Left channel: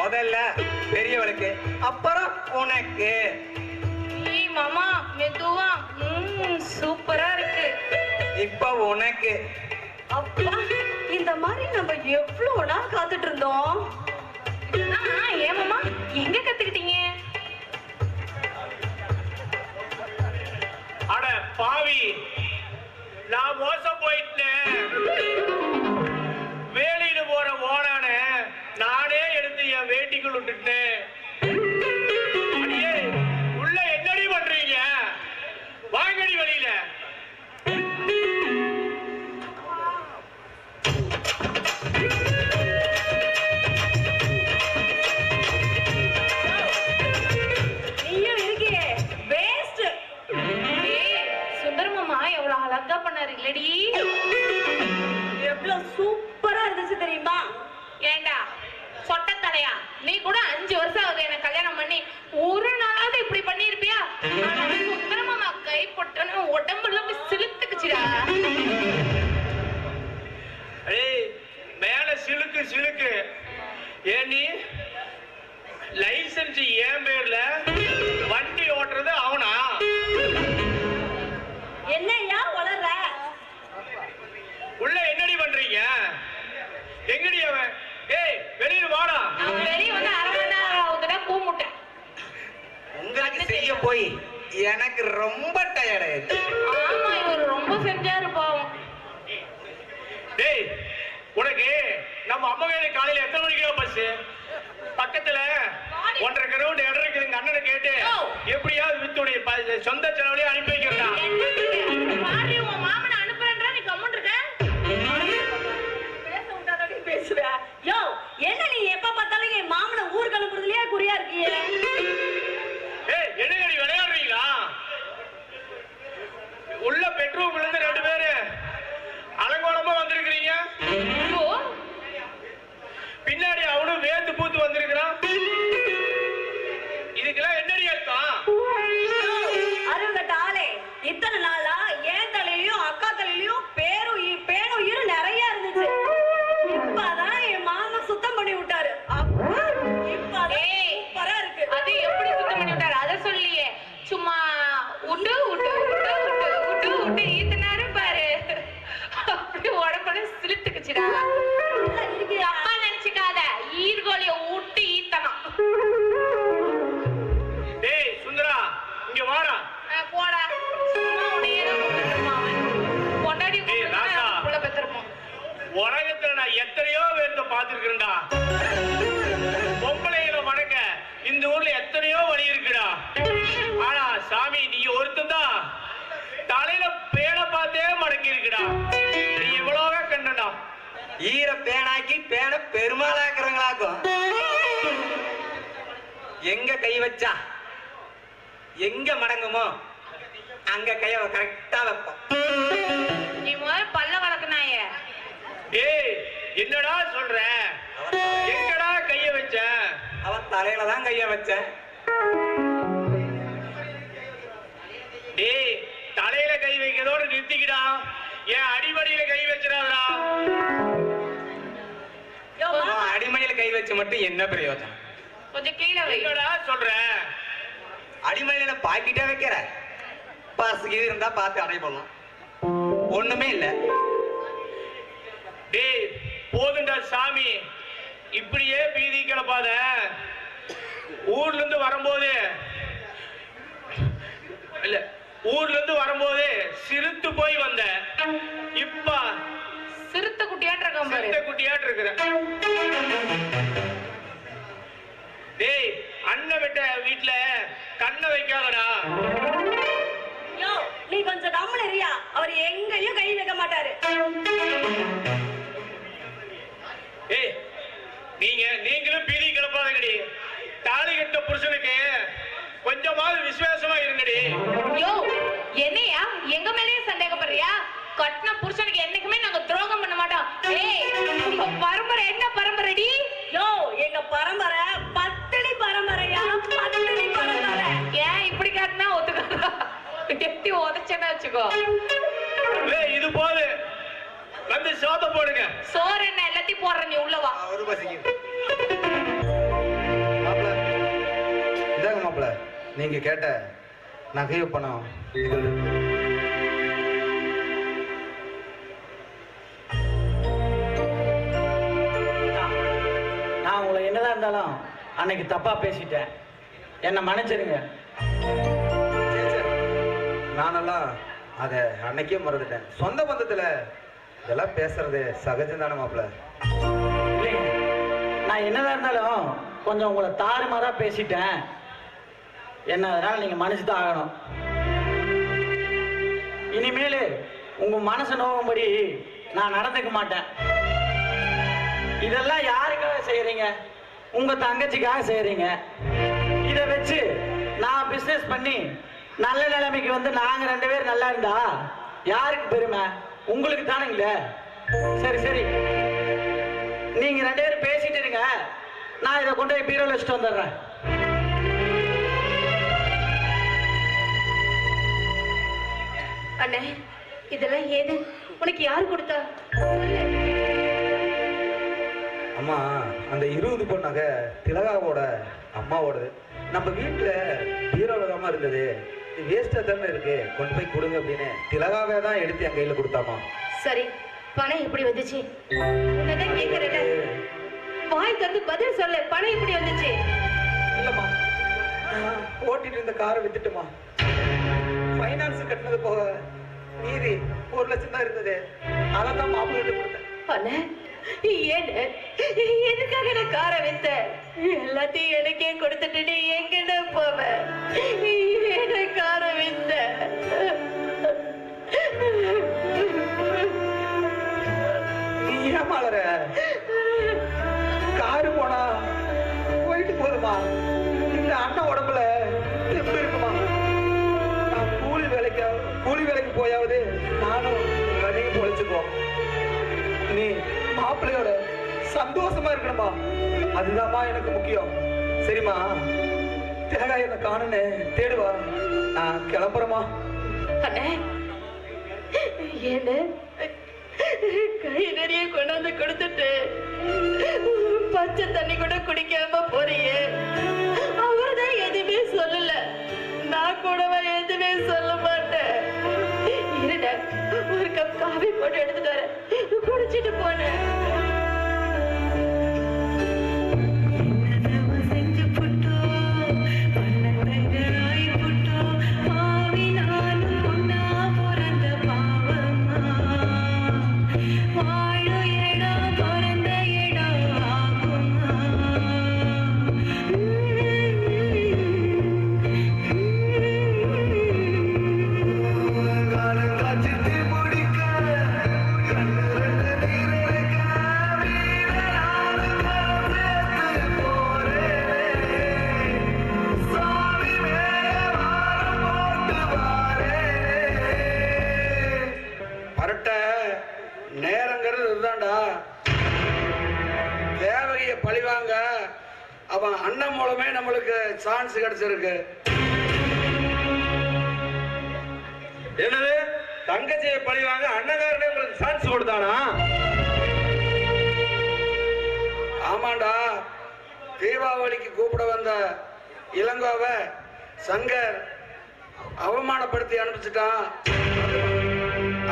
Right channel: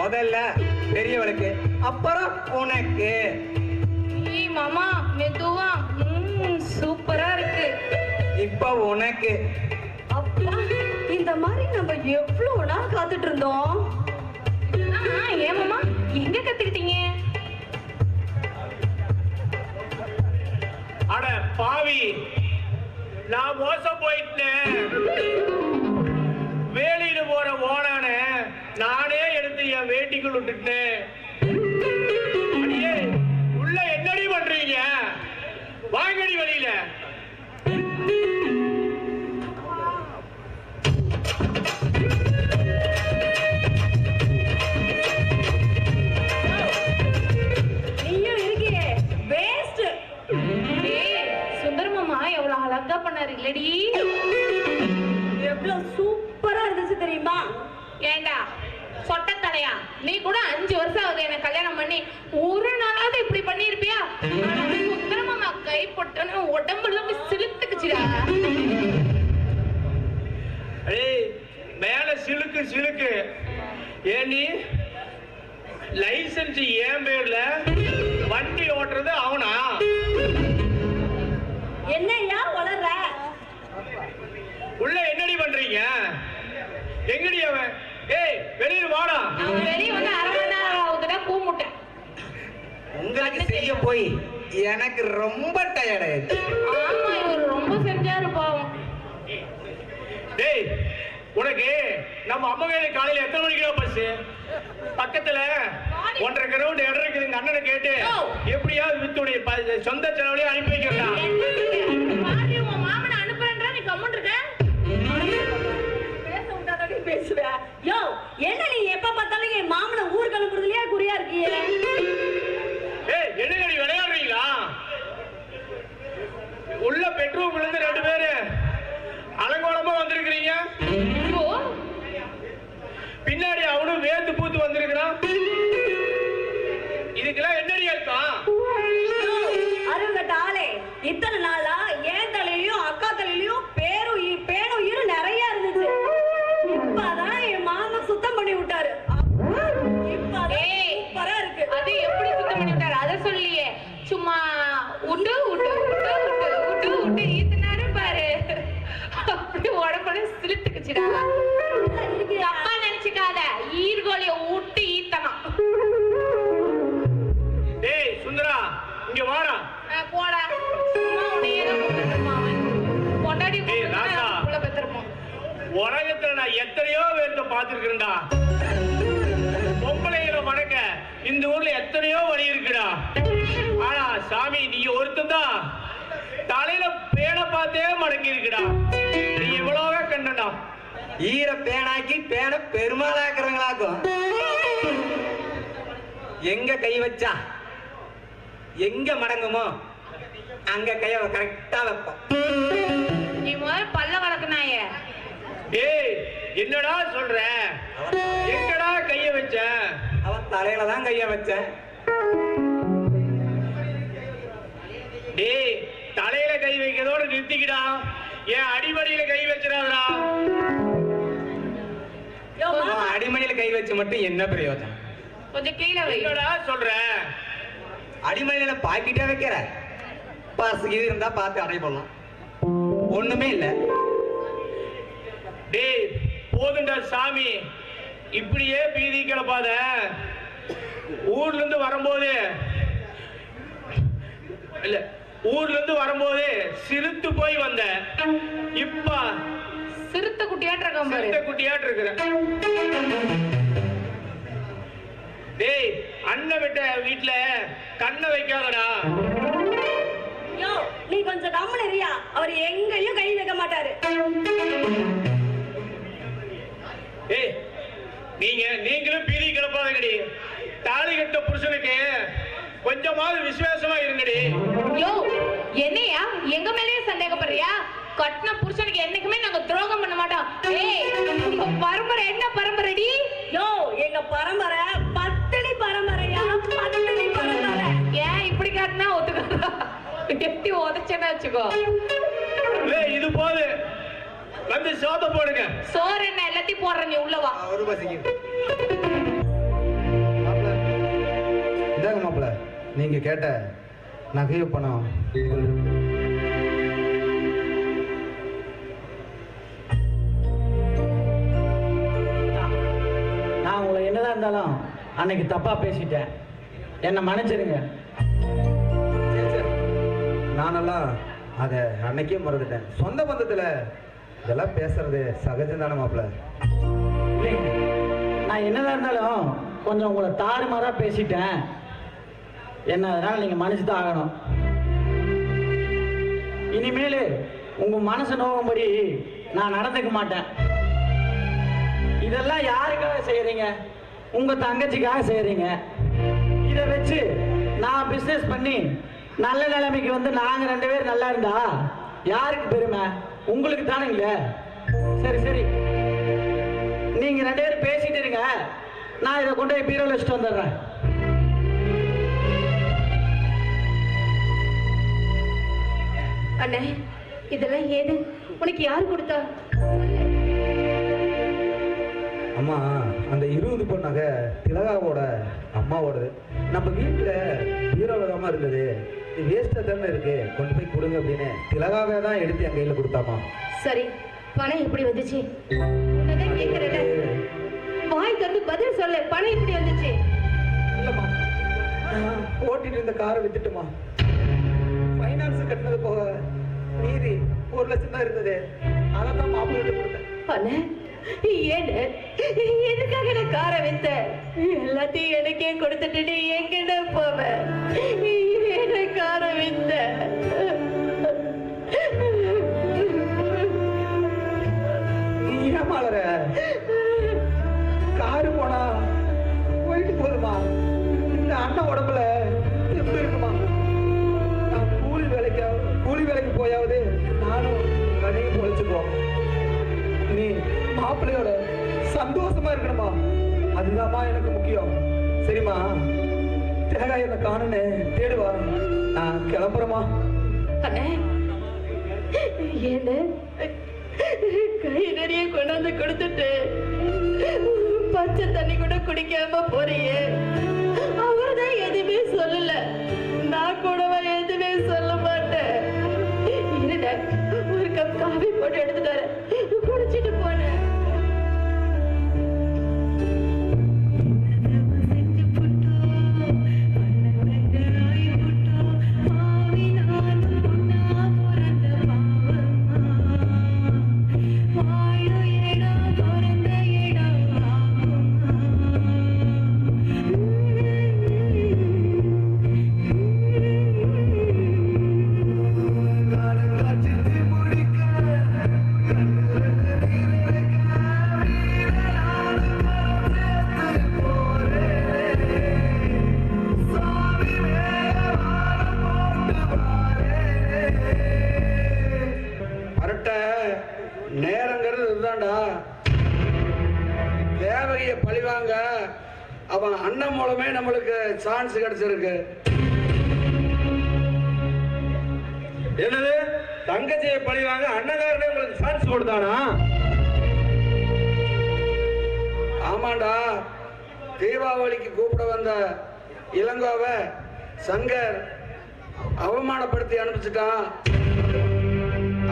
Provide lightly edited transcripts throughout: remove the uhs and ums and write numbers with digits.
முதல்ல பெரியவளுக்கு, அப்புறம் உனக்கு. மாமா மெதுவா. சூப்பரா இருக்கு. இப்ப உனக்கு. அப்பா, இந்த மாதிரி நம்ம எவ்வளவு நாள் காத்துட்டு இருந்தோம். ஏன் மாமா எங்க கத்துக்கிட்டீங்க? அட பாவி, நான் மோசம் போயிட்டேன். வேலையில போற ஓனான நானே எடுத்து என் வேட்டிக்குள் விட்டுட்டேன். உள்ள என்னடி பண்றீங்க? வாங்கடி வெளியில. நீயும் இருக்கியே வேஸ்ட். சுந்தர் மாமா எவ்வளவு அழகா பண்ணாரு இல்லடி? எவ்வளவு சூப்பரா இருந்துச்சு தெரியுமா? ஏண்டா சொட்ட தலையா, நீ கூட 5 வருஷம் ஆகுது என்ன கல்யாணம் பண்ணி, ஒரு நாளாவது இப்படி பண்ணிருப்பியா? சுந்தர மாமா கை போட்டோன்னு உடம்புல சிலுத்துக்குச்சுடா. மேல சிலுக்கு சிலுக்கு. ஏனி லைசன்ஸ் ஏன் பேர்ல, வண்டி ஓட்டுறது அவனா? என்னையா வளர்ற? உள்ள என்னடி பண்றீங்க? எங்கடி அவன்? ஏய், வெளியில வாடா. வெளிய வந்து 1/2 மணி நேரம் ஆகுதுடா கூமுட்ட. உங்களுக்கு செய்ய போய் எனக்கு ரொம்ப டயர்ட் ஆயிடுச்சு. ஆமா, இவர் ரொம்ப செஞ்சாரு பாவம். டேய், உனக்கு நம்ம அம்மா வேலை காலையில எத்தனை மணிக்கு பஸ்? பக்கத்துல 1.5 கிரவுண்ட் இடம் இருக்குது. எங்க அண்ணனை கேட்டு எப்படியாவது வித்துடைய சொந்த செலவுலயே அனுப்பி வைக்கிறா. உன் மாமனை அனுப்புறேன்றா, நீ கம்முன்னு இருக்க. பேச விட்டாதடி பேசுற. யோ, என்ன நீ எப்ப பார்த்தாலும் என் மாமனை ஊருக்கு அனுப்புறதுலயே குறியா இருக்கீங்க? ஏய், என்னங்கடி விளையாடுறீங்களா? உள்ள பெட்ரூம்ல இருந்து 2 பேரு அலங்கோலமா வந்திருக்கிறீங்க. பின்னாடி அவனும் வேத்து பூத்து வந்திருக்கிறான். இதுக்கெல்லாம் என்னடி அர்த்தம்? அருங்கட்ட ஆளே, இத்தனை நாளா என் தலையிலயும் அக்கா தலையிலயும் பேரும் இரு நிறைய இருந்துச்சு. இப்பதான் என் மாமா சுத்தம் பண்ணி விட்டாரு. சூப்பரா இருக்கு. அது எப்படி சுத்தம் பண்ணி விட்டாரு அத சொல்லியே, சும்மா உண்டு உண்டு உண்டு உண்டு உண்டு உண்டு ஈத்தனாரு பாரு. அப்படி உடம்புல சிலுத்துக்குச்சுடா. அப்பா நினைச்சுக்காத, ஈர்கோலிய ஊட்டி ஈத்தனம். டேய் சுந்தரா, இங்க வாடா. போடா, சும்மா உன்னையே பொண்டாடி புள்ள பெத்திருப்போம். உலகத்துல நான் எத்தனையோ பேர்த்த பாத்துருக்கேன்டா. பொம்பளைகளை மடக்க இந்த ஊர்ல எத்தனையோ வழி இருக்குடா. ஆனா சாமி, நீ ஒருத்தந்தான் தலையில பேனை பார்த்தே மடக்கி இருக்குடா. நீ இவ்வளவே கண்டா. ஈர பேனாக்கி பேனை பெருமாளாக்குறவங்களாக்கும். எங்க கை வச்சா எங்க மடங்குமோ அங்க கைய கரெக்டா வைப்போம். நீ முதல்ல பல்ல வளர்க்கனாய. டேய், என்னடா சொல்ற? எங்கடா கைய வச்ச? அவன் தலையில தான் கைய வச்சேன். டேய், தலையில கை வைக்கிறதோட நிறுத்திக்கிடா. என் அடிமடியில கை வச்சிடாதடா. அடிமணியில கை வச்சு மட்டும் என்ன பிரயோஜனம்? கொஞ்சம் கீழே வை. என்னடா சொல்ற? அடிமணியில பாக்கிட்டே வைக்கிற பஸ் இது இருந்தா பார்த்து அடைய போடலாம். ஒண்ணுமே இல்ல. டேய், போதுண்டா சாமி, இப்படியே பீதி கிளப்பாத. ஊர்ல இருந்து வரும்போது இல்ல ஊர்ல இருந்து வரும்போது சிறுத்து போய் வந்த. இப்ப சிறுத்தை குட்டியாட்டு இருக்கான் பாரு. சிறுத்தை குட்டியாட்டு இருக்கிற. டேய், அண்ணன் விட்ட வீட்டுல கண்ணை வைக்காதடா. யோ, நீ கொஞ்சம் கம்முனு இருயா. அவர் எங்கேயும் கை வைக்க மாட்டாரு. ஏய், நீங்களும் பீதி கிளப்பாதங்கடி. தாலி கட்ட புருஷனுக்கு கொஞ்சமாவது விசுவாசமா இருங்கடி. யோ, என்னையா எங்க மேலயே சந்தேகப்படுறியா? கட்டின புருஷனுக்கு என்னைக்குமே நாங்க துரோகம் பண்ண மாட்டோம். ஏய், உங்க பரம்பரை என்ன பரம்பரைடி? யோ, எங்க பரம்பரை பத்தினி பரம்பரையா, பத்தினி பரம்பரை. ஏன் இப்படி காட்டினா ஒத்துக்காதா? எட்டி உதச்சேன்னு வச்சுக்கோ. ஏய், இது போது வந்து சோத போடுங்க. சோறு என்ன எல்லாத்தையும் போடுற, நீ உள்ளவா. ஒரு பசிக்கு இதாங்க மாப்பிள்ள, நீங்க கேட்ட நகைய பணம் இதுகள் இருக்கு. நான் உங்களை என்னதான் இருந்தாலும் அன்னைக்கு தப்பா பேசிட்டேன், என்னை மன்னிச்சிருங்க. நானெல்லாம் அதை அன்னைக்கே மறந்துட்டேன். சொந்த பந்தத்துல இதெல்லாம் பேசுறது சகஜம் தானே மாப்பிள்ள? இல்லைங்க, நான் என்னதான் இருந்தாலும் கொஞ்சம் உங்களை தாறுமாறா பேசிட்டேன். என்ன அதனால நீங்க மன்னிச்சு தான் ஆகணும். இனிமேல் உங்க மனசு நோவும்படி நான் நடந்துக்க மாட்டேன். இதெல்லாம் யாருக்காக செய்யறீங்க? உங்க தங்கச்சிக்காக செய்யறீங்க. இதை வச்சு நான் பிசினஸ் பண்ணி நல்ல நிலைமைக்கு வந்து நாங்க 2 பேரும் நல்லா இருந்தா யாருக்கு பெருமை? உங்களுக்கு தானுங்கள. சரி சரி, நீங்க 2 பேரும் பேசிட்டு இருங்க. நான் இதை கொண்டு போய் பீரோல வச்சுட்டு வந்துடுறேன். அண்ணே, இதெல்லாம் ஏது? உனக்கு யார் கொடுத்தா? அம்மா, அந்த 20 பொன் நகை திலகாவோட அம்மாவோடது. நம்ம வீட்டுல பீரோலதாமா இருந்தது. இது வேஸ்டா தானே இருக்கு, கொண்டு போய் கொடுங்க அப்படின்னு திலகாவே தான் எடுத்து என் கையில கொடுத்தாமா. சரி, பணம் எப்படி வந்துச்சு? உன்னதான் கேட்கிறேன், வாய் திறந்து பதில் சொல்லு. பணம் எப்படி வந்துச்சு? இல்லம்மா, நான் ஓட்டிட்டு இருந்த காரை வித்துட்டுமா. ஃபைனான்ஸ் கட்டினது போக மீதி 1 லட்சம் தான் இருந்தது. அதான் மாப்பிள்ளை கொடுத்தேன். அண்ணே, ஏன்னு எதுக்காக நான் காரை வித்த? எல்லாத்தையும் எனக்கே கொடுத்துட்டு நீ எங்கன்னு போவ? ஏன காரை வித்த? நீ ஏமாளற? காரு போனா போயிட்டு போதுமா, இந்த அண்ணன் உடம்புல எப்படி இருக்குமா? நான் கூலி வேலைக்கு போயாவது நானும் வரைக்கும் பொழைச்சுக்குவோம். நீ மாப்பிள்ளையோட சந்தோஷமா இருக்கணுமா, அதுதான்மா எனக்கு முக்கியம். சரிம்மா, திலகா என்ன காணுன்னு தேடுவா. நான் கிளம்புறேமா. அண்ணே, ஏன்னு கை நிறைய கொண்டாந்து கொடுத்துட்டு பச்சை தண்ணி கூட குடிக்காம போறியே? அவர்தான் எதுவுமே சொல்லல, நான் கூடவா எதுவுமே சொல்ல மாட்டேன். இருட, ஒரு கப் காஃபி போட்டு எடுத்துட்டு வரேன், குடிச்சிட்டு போனேன். நேரங்கிறது இதுதான்டா. தேவகிய பழிவாங்க அவன் அண்ணன் மூலமே நம்மளுக்கு சான்ஸ் கிடைச்சிருக்கு. என்னது? தங்கச்சியை பழிவாங்க அண்ணகாரனே உங்களுக்கு சான்ஸ் கொடுத்தானா? ஆமாண்டா, தீபாவளிக்கு கூப்பிட வந்த இளங்கோவை சங்கர் அவமானப்படுத்தி அனுப்பிச்சிட்டான்.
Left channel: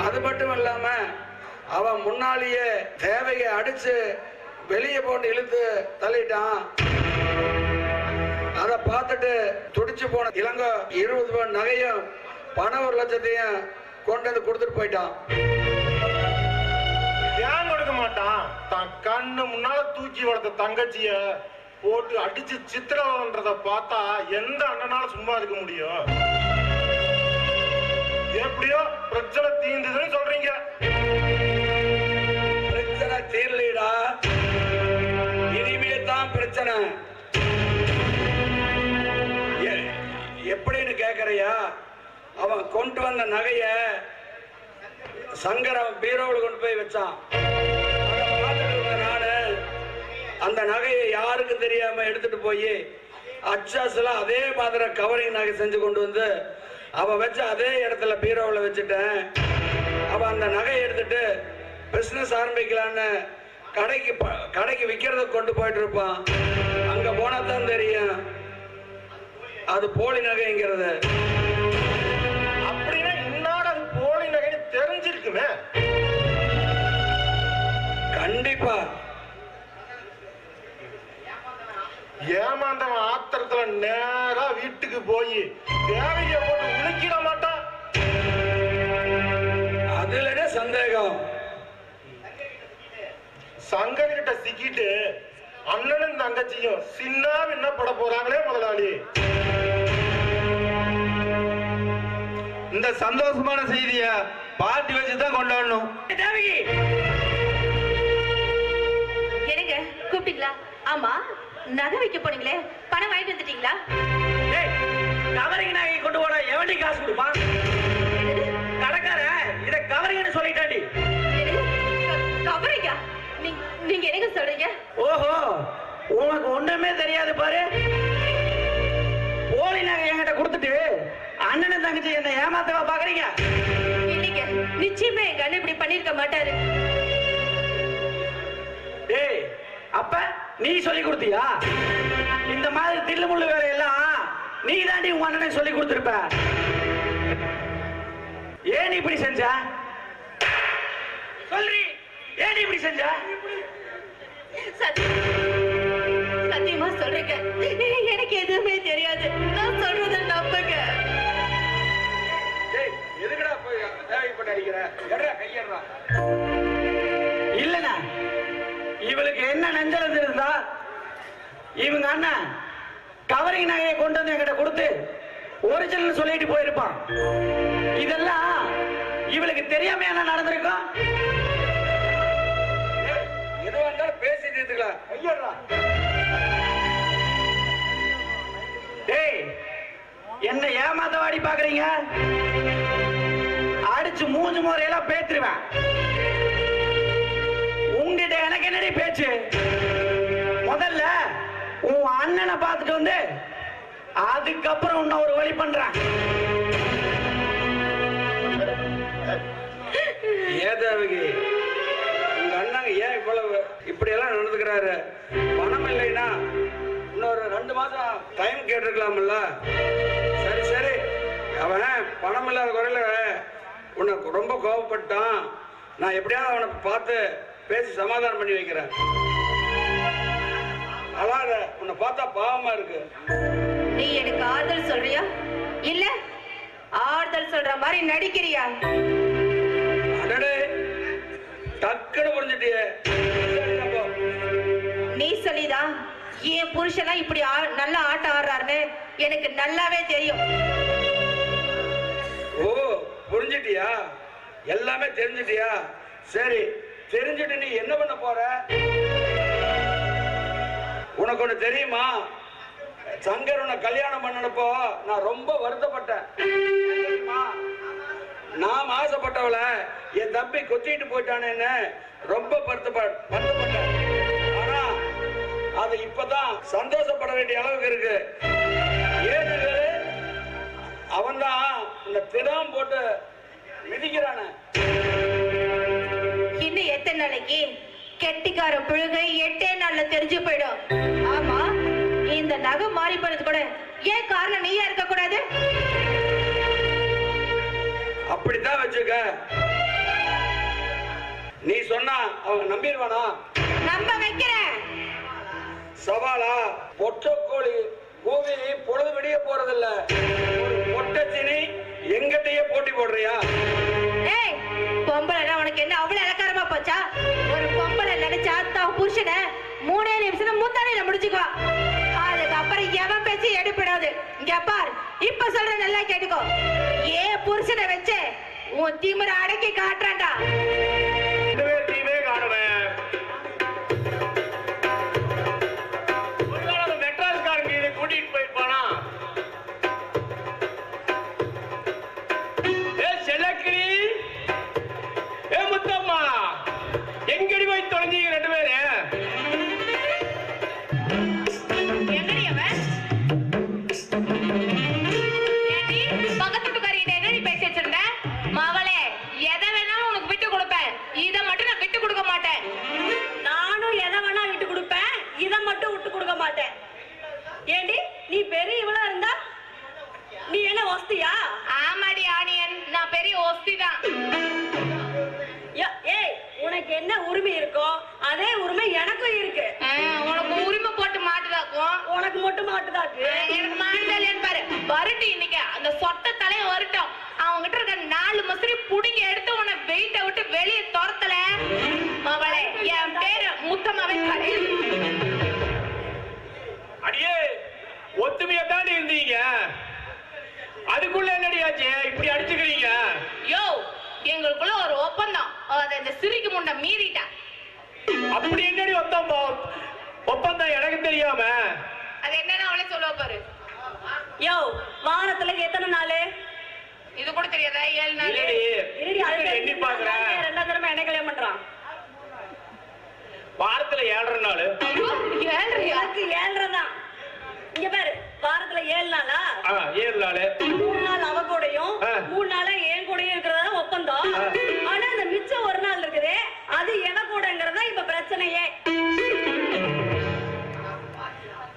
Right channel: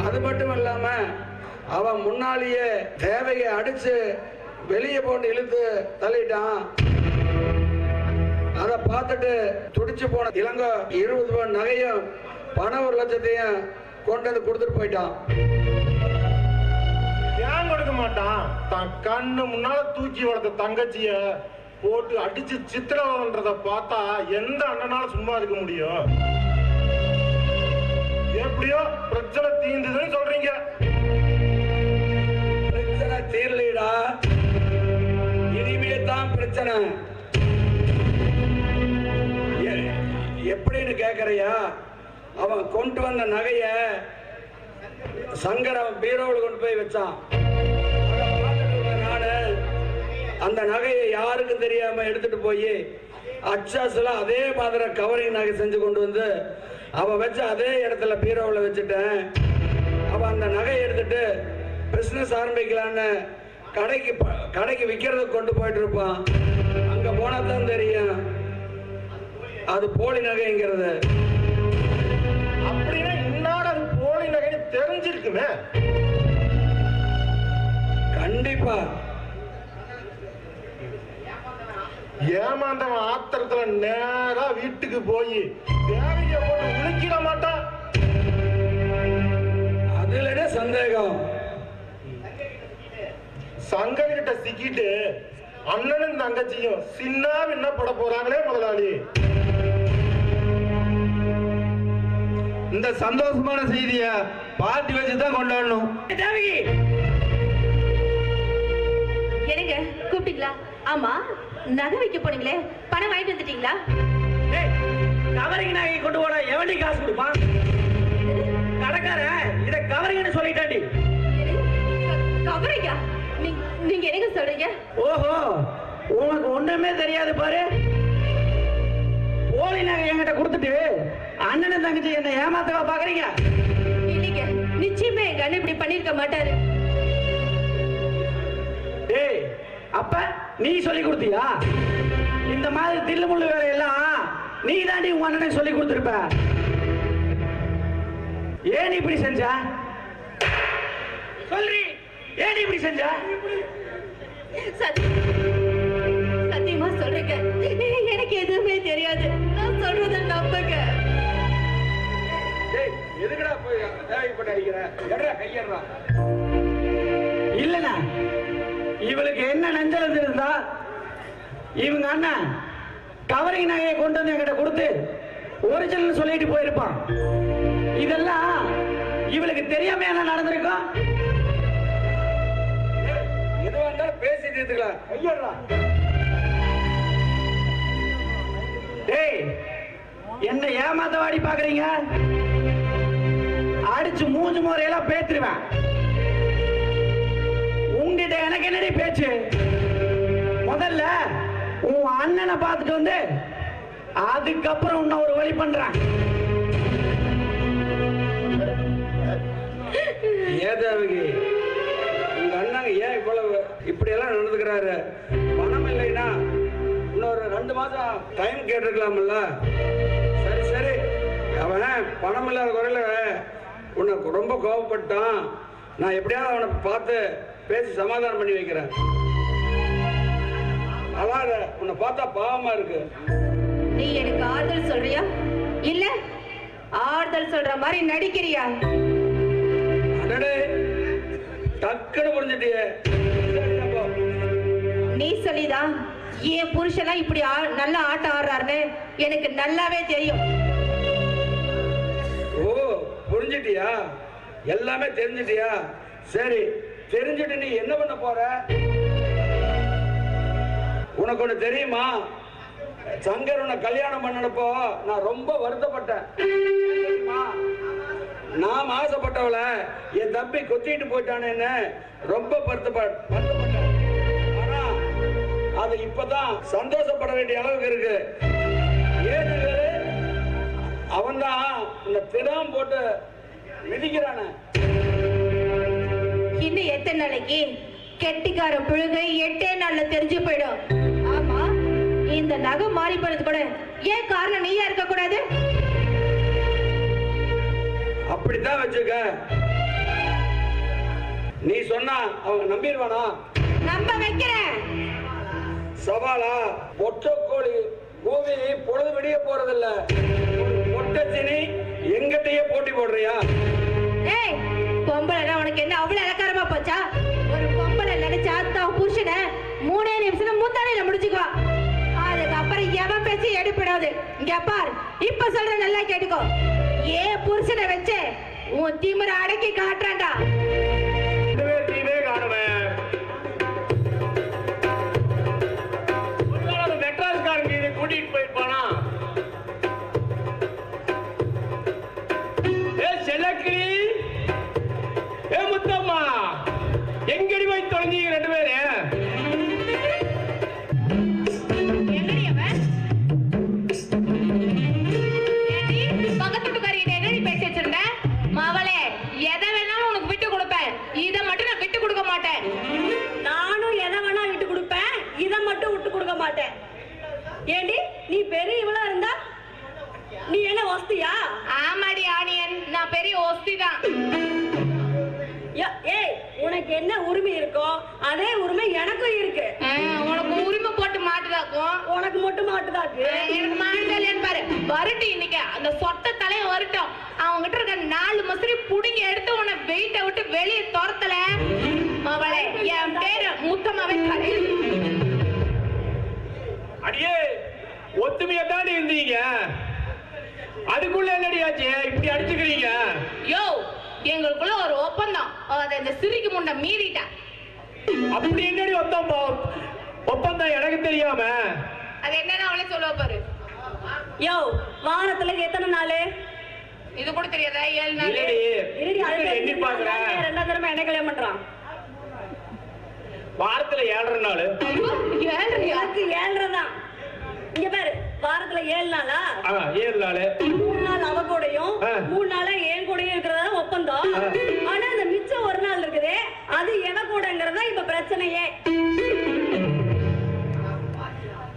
அது மட்டும் இல்லாம அவன் முன்னாலேயே தேவையை அடிச்சு வெளியே போட்டு இழுத்து தள்ளிட்டான். அதை பார்த்துட்டு துடிச்சு போன இளங்கோ 20 பவுன் நகையும் பணம் 1 லட்சத்தையும் கொண்டு வந்து கொடுத்துட்டு போயிட்டான். ஏன் கொடுக்க மாட்டான்? தான் கண்ணு முன்னால தூக்கி வளர்த்த தங்கச்சிய போட்டு அடிச்சு சித்திரவதைன்றத பார்த்தா எந்த அண்ணனால சும்மா இருக்க முடியும்? எப்படியோ பிரச்சனை தீர்ந்ததுன்னு சொல்றீங்க. பிரச்சனை தீரலடா, இனிமே தான் பிரச்சனை. எப்படின்னு கேக்குறியா? அவன் கொண்டு வந்த நகைய சங்கரம் பீரோவில் கொண்டு போய் வச்சான். நானு அந்த நகையை யாருக்கும் தெரியாம எடுத்துட்டு போய் அச்சாஸ்ல அதே மாதிரி கவரிங் நகை செஞ்சு கொண்டு வந்து அவன் வச்ச அதே இடத்துல பீரோவில் வச்சுட்டேன். அவன் அந்த நகையை எடுத்துட்டு பிசினஸ் ஆரம்பிக்கலான்னு கடைக்கு விற்கிறத கொண்டு போயிட்டு இருப்பான். அங்க போனா தான் தெரியும் அது போலி நகைங்கிறது. அப்படின்னா இன்னாட அது போலி நகைன்னு தெரிஞ்சிருக்குமே. கண்டிப்பா ஏமாந்தவன் ஆத்திரத்துல நேரா வீட்டுக்கு போய் தேவையை போட்டு உழுக்கிட மாட்டான். அதுல சந்தேகம். சங்கர் கிட்ட சிக்கிட்டு அண்ணனும் தங்கச்சியும் சின்ன என்ன பட போறாங்களே முதலாளி. இந்த சந்தோஷமான செய்திய பார்ட்டி வச்சுதான் கொண்டாடணும். என்னங்க கூப்பிட்டீங்களா? ஆமா, நகை வைக்க போனீங்களே, பணம் வாங்கிட்டு வந்துட்டீங்களா? கவரிங் நகை கொண்டு போட எவன்டி காசு கொடுப்பான்? கடைக்காரன் இத கவரிங்னு சொல்லிட்டாண்டி. கவரிங்கா? நீங்க என்னங்க சொல்றீங்க? ஓஹோ, உனக்கு ஒண்ணுமே தெரியாது பாரு. போலி நகை என்கிட்ட கொடுத்துட்டு அண்ணனும் தங்கச்சி என்ன ஏமாத்தவா பாக்குறீங்க? இல்லைங்க, நிச்சயமா எங்க அண்ணன் இப்படி பண்ணிருக்க மாட்டாரு. டேய், அப்ப நீ சொல்லி கொடுத்தியா? இந்த மாதிரி தில்லுமுள்ளு வேலையெல்லாம் நீ தாண்டி உங்க அண்ணனுக்கு சொல்லி கொடுத்திருப்ப. ஏன் இப்படி செஞ்ச? சொல்றி, ஏன் இப்படி செஞ்ச? சத்தியமா சொல்றேங்க, எனக்கு எதுவுமே தெரியாது. நான் சொல்றத நம்புங்க. எதுக்குடா போய் தேவைப்பட்டு அடிக்கிற? கையறா. இல்லண்ணா, இவளுக்கு என்ன நஞ்சல் இருந்தா இவங்க அண்ணன் கவரிங் நகையை கொண்டு வந்து என்கிட்ட கொடுத்து ஒரிஜினல் சொல்லிட்டு போயிருப்பான். இதெல்லாம் இவளுக்கு தெரியாம என்ன நடந்திருக்கும்? எதுவா இருந்தாலும் பேசிட்டு இருக்கலாம். கையறா. டேய், என்ன ஏமாத்தவாடி பாக்குறீங்க? அடிச்சு மூஞ்சி முறையெல்லாம் பேத்துருவேன். உங்ககிட்ட எனக்கு என்னடி பேச்சு? முதல்ல உன் அண்ணனை பார்த்துட்டு வந்து அதுக்கப்புறம் உன்னை ஒரு வழி பண்றேன். ஏதாவகி, உங்க அண்ணன் ஏன் இவ்வளவு இப்படி எல்லாம் நடந்துக்கிறாரு? பணம் இல்லைன்னா இன்னொரு 2 மாசம் டைம் கேட்டிருக்கலாம்ல. சரி சரி, அவன் பணம் இல்லாத குறையில உனக்கு ரொம்ப கோபப்பட்டான். நான் எப்படியாவது அவனை பார்த்து பேசி சமாதானம் பண்ணி வைக்கிறேன். அழாத, உன்னை பார்த்தா பாவமா இருக்கு. நீ எனக்கு ஆறுதல் சொல்றியா இல்ல ஆறுதல் சொல்ற மாதிரி நடிக்கிறியா? அடடே, டக்குன்னு புரிஞ்சுட்டியே. நீ சொல்லிதான் என் புருஷன் இப்படி நல்லா ஆட்டம் ஆடுறாருன்னு எனக்கு நல்லாவே தெரியும். ஓ, புரிஞ்சுட்டியா? எல்லாமே தெரிஞ்சுட்டியா? சரி, தெரிஞ்சுட்டு நீ என்ன பண்ண போற? உனக்கு ஒண்ணு தெரியுமா? சங்கர் உன்னை கல்யாணம் பண்ணனப்போ நான் ரொம்ப வருத்தப்பட்டேன். நான் ஆசைப்பட்டவளை என் தம்பி கொத்திட்டு போயிட்டானேன்னு ரொம்ப வருத்தப்பட்டேன். ஆனா அது இப்பதான் சந்தோஷப்பட வேண்டிய அளவுக்கு இருக்கு. ஏன்னு அவன் தான் இந்த தினம் போட்டு மிதிக்கிறான. இன்னும் எத்தனை நாளைக்கு? கெட்டிக்கார புழுகை 8 நாள்ல தெரிஞ்சு போயிடும். ஆமா, இந்த நகை மாறி போனது கூட ஏன் காரணம் நீயா இருக்க கூடாது? அப்படித்தான் வச்சுக்க. நீ சொன்னா அவங்க நம்பிடுவானா? நம்ப வைக்கிறேன். சவாலா? பொட்டக்கோழி கூவி பொழுது விடிய போறதில்ல. ஒரு பொட்டச்சினி எங்கிட்டயே எடுப்பிடாது. இங்க பார், இப்ப சொல்ற நல்லா கேட்டுக்கோ. ஏன் புருஷனை வச்சு உன் திமிர அடக்கி காட்டுறான்டா. தீமே காணுவேன். மெட்ராஸ்காரங்க இதை கூட்டிட்டு போயிருப்பானா? ஏ செல்லக்கிரி, ஏ முத்தம்மா, எங்கடி போய் தொலைஞ்சீங்க ரெண்டு பேரு? என்னடி அவன்? ஏண்டி பக்கத்து வீட்டுக்காரிகிட்ட என்னடி பேசி வச்சிருந்த? மவளே, எதை வேணாலும் உனக்கு விட்டு கொடுப்பேன், இதை மட்டும் நான் விட்டு கொடுக்க மாட்டேன். நானும் எதை வேணா விட்டு கொடுப்பேன், இதை மட்டும் விட்டு கொடுக்க மாட்டேன். ஏண்டி நீ பெரிய இவளா இருந்தா நீ என்ன வஸ்தியா? ஆமாடி ஆனியன், நான் பெரிய ஒஸ்தி தான். ஏய், உனக்கு என்ன உரிமை இருக்கோ அதே உரிமை எனக்கும் இருக்கு. உனக்கு உரிமை போட்டு மாட்டுதாக்கும். உனக்கு மட்டும் மாட்டுதாக்கு. எனக்கு மாட்டுதல்லையான்னு பாரு. வரட்டு இன்னைக்கு அந்த சொட்ட தலைய வரட்டும். அவங்க கிட்ட இருக்க 4 மசரி புடிங்கி எடுத்து உன்னை வெயிட்ட விட்டு வெளியே துரத்தல மவளே. என் பேரு முத்தமாவே கரை. அடியே, ஒத்துமையா தாண்டி இருந்தீங்க, அதுக்குள்ள என்னடியாச்சு இப்படி அடிச்சுக்கிறீங்க? யோ, எங்களுக்குள்ள ஒரு ஒப்பந்தம், அதை இந்த சிரிக்கு முன்ன மீறிட்டா. அப்படி என்னடி ஒப்பந்தம் எனக்கு தெரியாம? அது என்னன்னு அவளே சொல்லுவ பாரு. யோ, வாரத்துல எத்தனை நாள்? இது கூட தெரியாதா? 7 நாள். இருடி, அதுக்கு எண்ணி பாக்குறேன். 2ஆம் தடவை என்ன கல்யாணம் பண்றான்? வாரத்துல 7 நாள். 7 தான். இங்க பாரு, வாரத்துல 7 நாளா? 7 நாள். 3 நாள் அவ கூடயும் 3 நாளா என் கூடயும் இருக்கிறதா ஒப்பந்தம். ஆனா அந்த மிச்சம் 1 நாள் இருக்குது, அது எவ கூடங்கிறதா இப்ப பிரச்சனையே.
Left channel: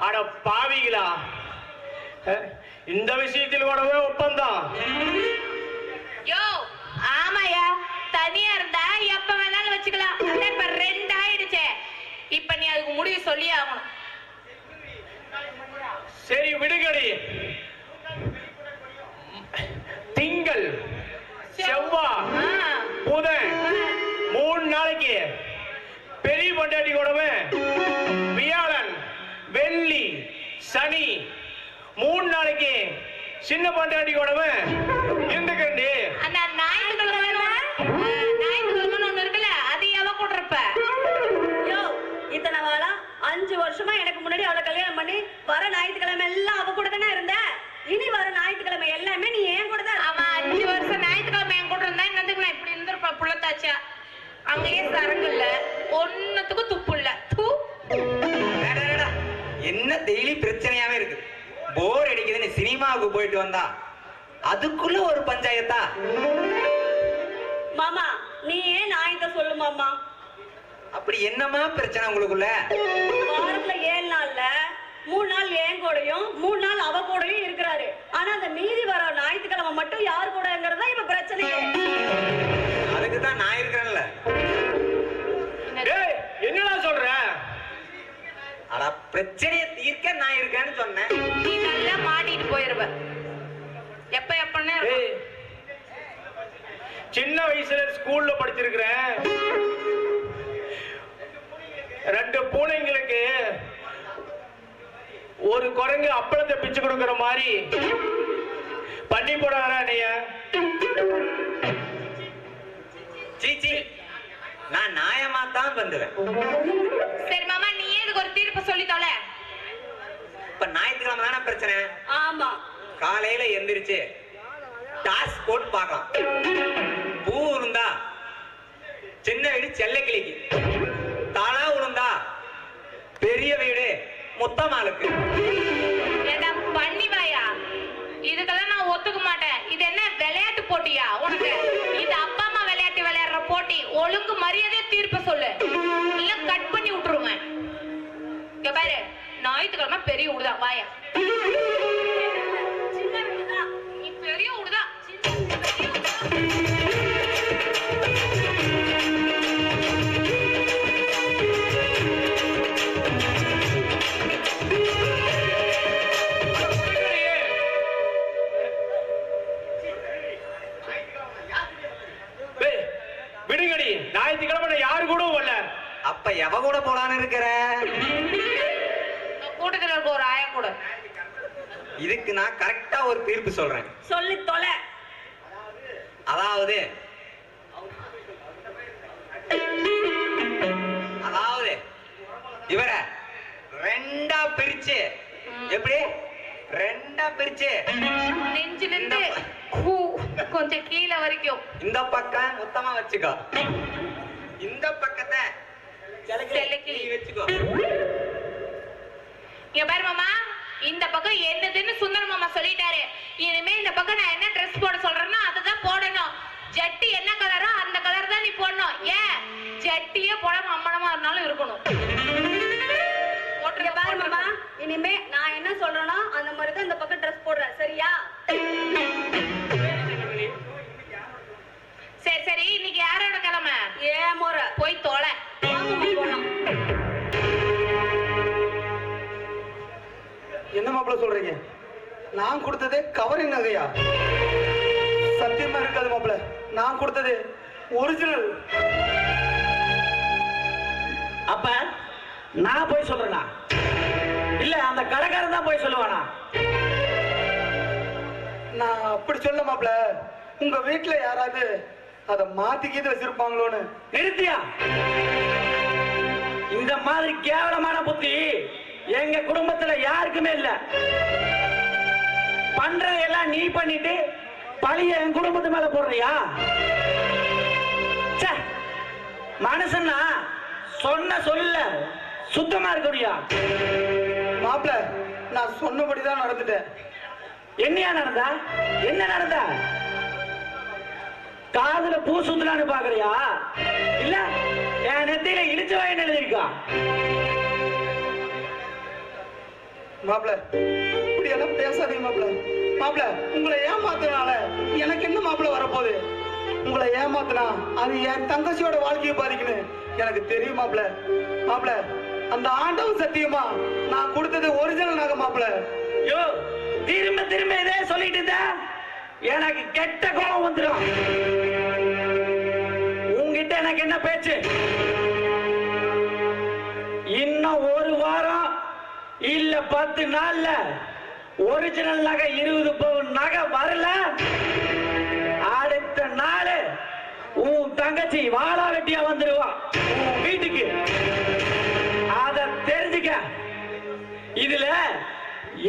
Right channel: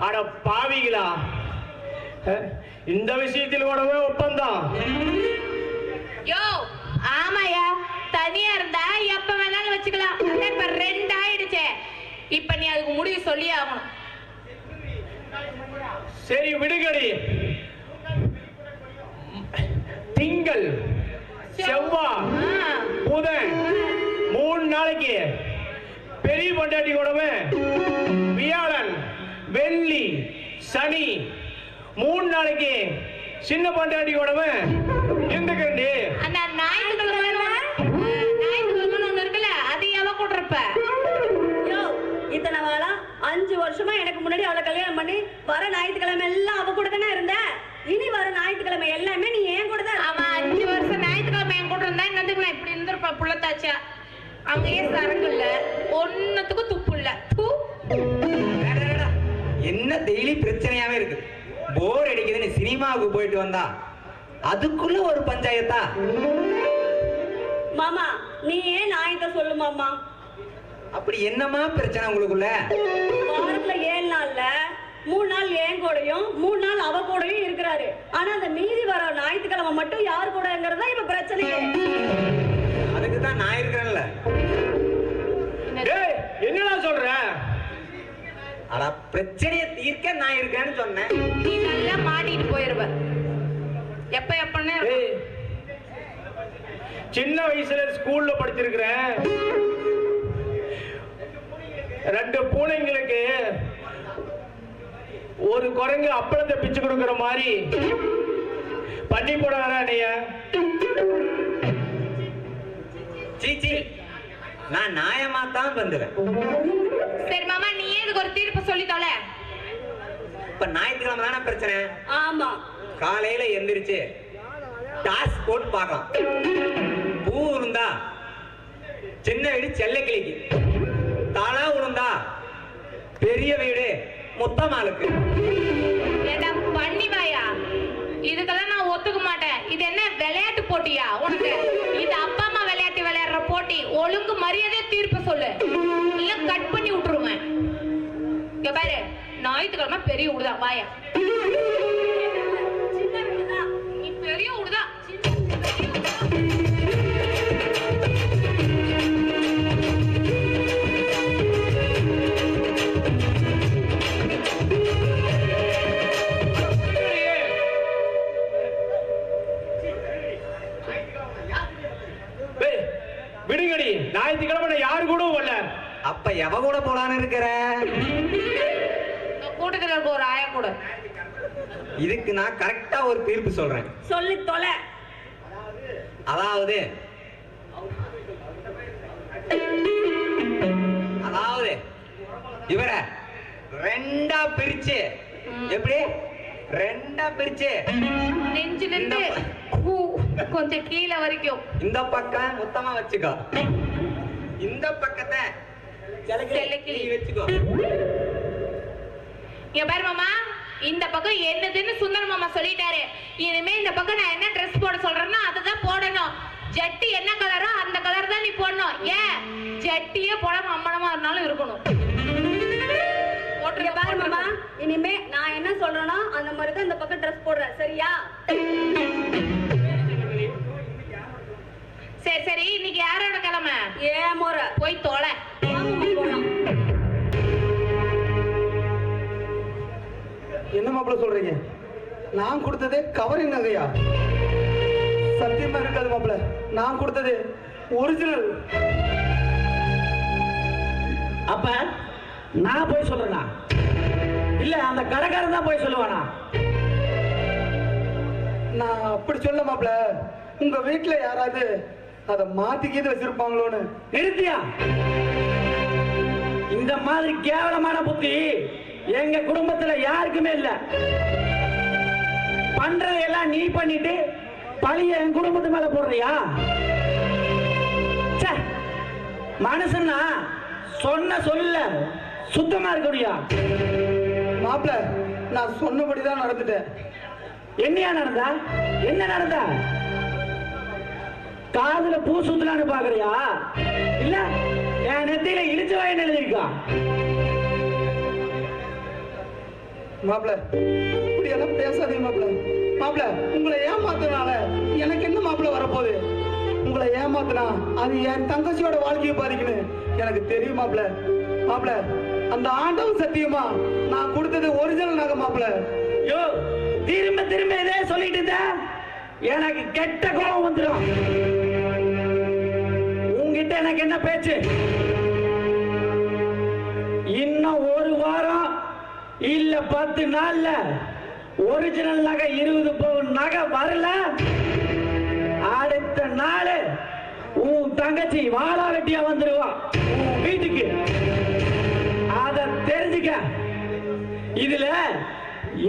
அட பாவிகளா, இந்த விஷயத்தில் கூடவே ஒப்பந்தம்? யோ, ஆமாயா, தனியா இருந்தா எப்ப வேணாலும் வச்சுக்கலாம். இப்ப 2 ஆயிடுச்சே. இப்ப நீ அதுக்கு முடிவு சொல்லி ஆகணும். சரி விடுகடி. திங்கள், செவ்வாய், புதன் 3 நாளைக்கு பெரிய பொண்டாட்டி கூடவே, வியாழன், வெள்ளி, சனி 3 நாளைக்கு சின்ன பொண்டாட்டி கூடவே இருந்துக்கண்டி. அந்த ஞாயிற்றுக்கிழமை ஒண்ணு இருக்குல்ல, அது எவ கூடுறப்ப? யோ, இத்தனை வாழா 5 வருஷமா எனக்கு முன்னாடி அவளை கல்யாணம் பண்ணி வர ஞாயிற்றுக்கிழமை எல்லாம் அவ கூட தானே இருந்த. இனி வர ஞாயிற்றுக்கிழமை எல்லாமே நீ ஏன் கூட தான். அவன் 5 வருஷம் ஞாயிற்றுக்கிழமை என் கூட இருந்தா என்னதுக்கு நான் இப்படி இருந்திருப்பேன் புள்ளத்தாச்சா. அங்கேயே சரங்கு இல்ல, ஒன்னுத்துக்கும் துப்பு இல்ல. என்ன டெய்லி பிரச்சனையாவே இருக்கு. போர் அடிக்குதுன்னு சினிமாவுக்கு போயிட்டு வந்தா அதுக்குள்ள ஒரு பஞ்சாயத்தா? மாமா, நீ ஏன் நாயத்தை சொல்லு மாமா. அப்படி என்னமா பிரச்சனை உங்களுக்குள்ள? வாரத்துல 7 நாள்ல 3 நாள் என் கூடயும் 3 நாள் அவ கூடயும் இருக்கிறாரு. ஆனா அந்த மீதி வர ஞாயிற்றுக்கிழமை மட்டும் யார் கூடங்கிறதா இப்ப பிரச்சனையே. அதுக்குதான் நான் இருக்கிறேன்ல. என்னடா சொல்ற? அட, பிரச்சனையை தீர்க்க நான் இருக்கேன்னு சொன்னேன். நீ நல்லா மாட்டிட்டு போயிருவ. எப்பன்னு சின்ன வயசுல ஸ்கூல்ல படிச்சிருக்கிறேன். 2 பூனைங்களுக்கு ஒரு குரங்கு அப்பளத்தை பிச்சு கொடுக்கிற மாதிரி பண்ணி போடாதா நீங்க? சீச்சி, நான் நியாயமா தான் வந்துடுவேன். சரி மாமா, நீ இதுக்கு ஒரு தீர்ப்பு சொல்லி தொலை. இப்ப ஞாயிற்றுக்கிழமை தானே பிரச்சனை? ஆமா. காலையில எந்திரிச்சு டாஸ் போட்டு பார்க்கலாம். பூ இருந்தா சின்ன வீடு செல்ல கிளிக்கு, தாளா உளுந்தா பெரிய வீடு முத்தமாளுக்கு. பண்ணிவாயா, இதுக்கெல்லாம் நான் ஒத்துக்க மாட்டேன். இது என்ன விளையாட்டு போட்டியா உனக்கு? இது அப்பா அம்மா விளையாட்டு விளையாடுற போட்டி. ஒழுங்கு மரியாதையா தீர்ப்பு சொல்லு, இல்ல கட் பண்ணி விட்டுருவேன். இங்க பாரு, ஞாயிற்றுக்கிழமை பெரிய விடுதான் வாயா. நீ பெரிய விடுதான். விடுங்கடி, ஞாயிற்றுக்கிழமை யாரு கூட வரல. அப்ப எவ கூட போலான்னு இருக்கிற? கூட்டத்துல இருக்க ஒரு ஆயா கூட. இதுக்கு நான் கரெக்டா ஒரு தீர்ப்பு சொல்றேன். சொல்லி தொலை. அதாவது இவரை ரெண்டா பிரிச்சு, எப்படி ரெண்டா பிரிச்சு நெஞ்சிலிருந்து கொஞ்சம் கீழே வரைக்கும் இந்த பக்கம் மொத்தமா வச்சுக்கோ, இந்த பக்கத்தை செல்லக்கிளி வச்சுக்கோ. இங்க பாரு மாமா, இந்த பக்கம் என்னதுன்னு சுந்தர மாமா சொல்லிட்டாரு. இனிமே இந்த பக்கம் நான் என்ன ட்ரெஸ் போட சொல்றேன்னா அதுதான் போடணும். ஜட்டி என்ன கலரோ அந்த கலர் தான் நீ போடணும். ஏன் ஜட்டியே போடாம அம்மனமா இருந்தாலும் இருக்கணும். இங்க பாரு மாமா, இனிமே நான் என்ன சொல்றேனோ அந்த மாதிரி தான் இந்த பக்கம் ட்ரெஸ் போடுறேன், சரியா? சரி சரி, இன்னைக்கு யாரோட கிழமை? ஏன் முறை போய் தொலை. போலாம். என்ன மாப்பிள்ள சொல்றீங்க? நான் கொடுத்தது கவரிங் நகையா? சத்தியமா இருக்காது மாப்பிள்ள, நான் கொடுத்தது ஒரிஜினல். அப்ப நான் போய் சொல்றேனா இல்ல அந்த கடைக்காரன் தான் போய் சொல்லுவானா? நான் அப்படி சொல்ல மாப்பிள்ள, உங்க வீட்டுல யாராவது அதை மாத்திக்கிட்டு வச்சிருப்பாங்களோன்னு. நிறுத்தியா? இந்த மாதிரி கேவலமான புத்தி எங்க குடும்பத்துல யாருக்குமே இல்ல. பண்றதெல்லாம் நீ பண்ணிட்டு பழிய என் குடும்பத்து மேல போடுறியா? மனுஷன்னா சொன்ன சொல்ல சுத்தமா இருக்கணும்யா. மாப்பிள்ள, நான் சொன்னபடிதான் நடந்துட்டேன். என்னையா நடந்தா? என்ன நடந்த? காதுல பூ சுத்தலான்னு பாக்குறியா இல்ல என் நெத்தியில இழிச்சு வாயின்னு எழுதிருக்கா? மாப்பிள்ள, இப்படி எல்லாம் பேசாதீங்க மாப்பிள்ள. மாப்பிள்ள, உங்களை ஏமாத்தினால எனக்கு என்ன மாப்பிள்ள வரப்போகுது? உங்களை ஏமாத்தினா அது என் தங்கச்சியோட வாழ்க்கையை பாதிக்கணும், எனக்கு தெரியும் மாப்பிள்ள. மாப்பிள்ள, அந்த ஆண்டவன் சத்தியமா நான் கொடுத்தது ஒரிஜினல் நகை மாப்பிள்ள. யோ, திரும்ப திரும்ப இதே சொல்லிட்டு இருந்தா எனக்கு கெட்ட கோபம் வந்துடும். உங்ககிட்ட எனக்கு என்ன பேச்சு? இன்னும் ஒரு வாரம் இல்ல 10 நாள்ல ஒரிஜினல் நகை 20 பவுன் நகை வரல, அடுத்த நாள் உன் தங்கச்சி வாழா வெட்டியா வந்துருவா உன் வீட்டுக்கு. அத தெரிஞ்சுக்க. இதுல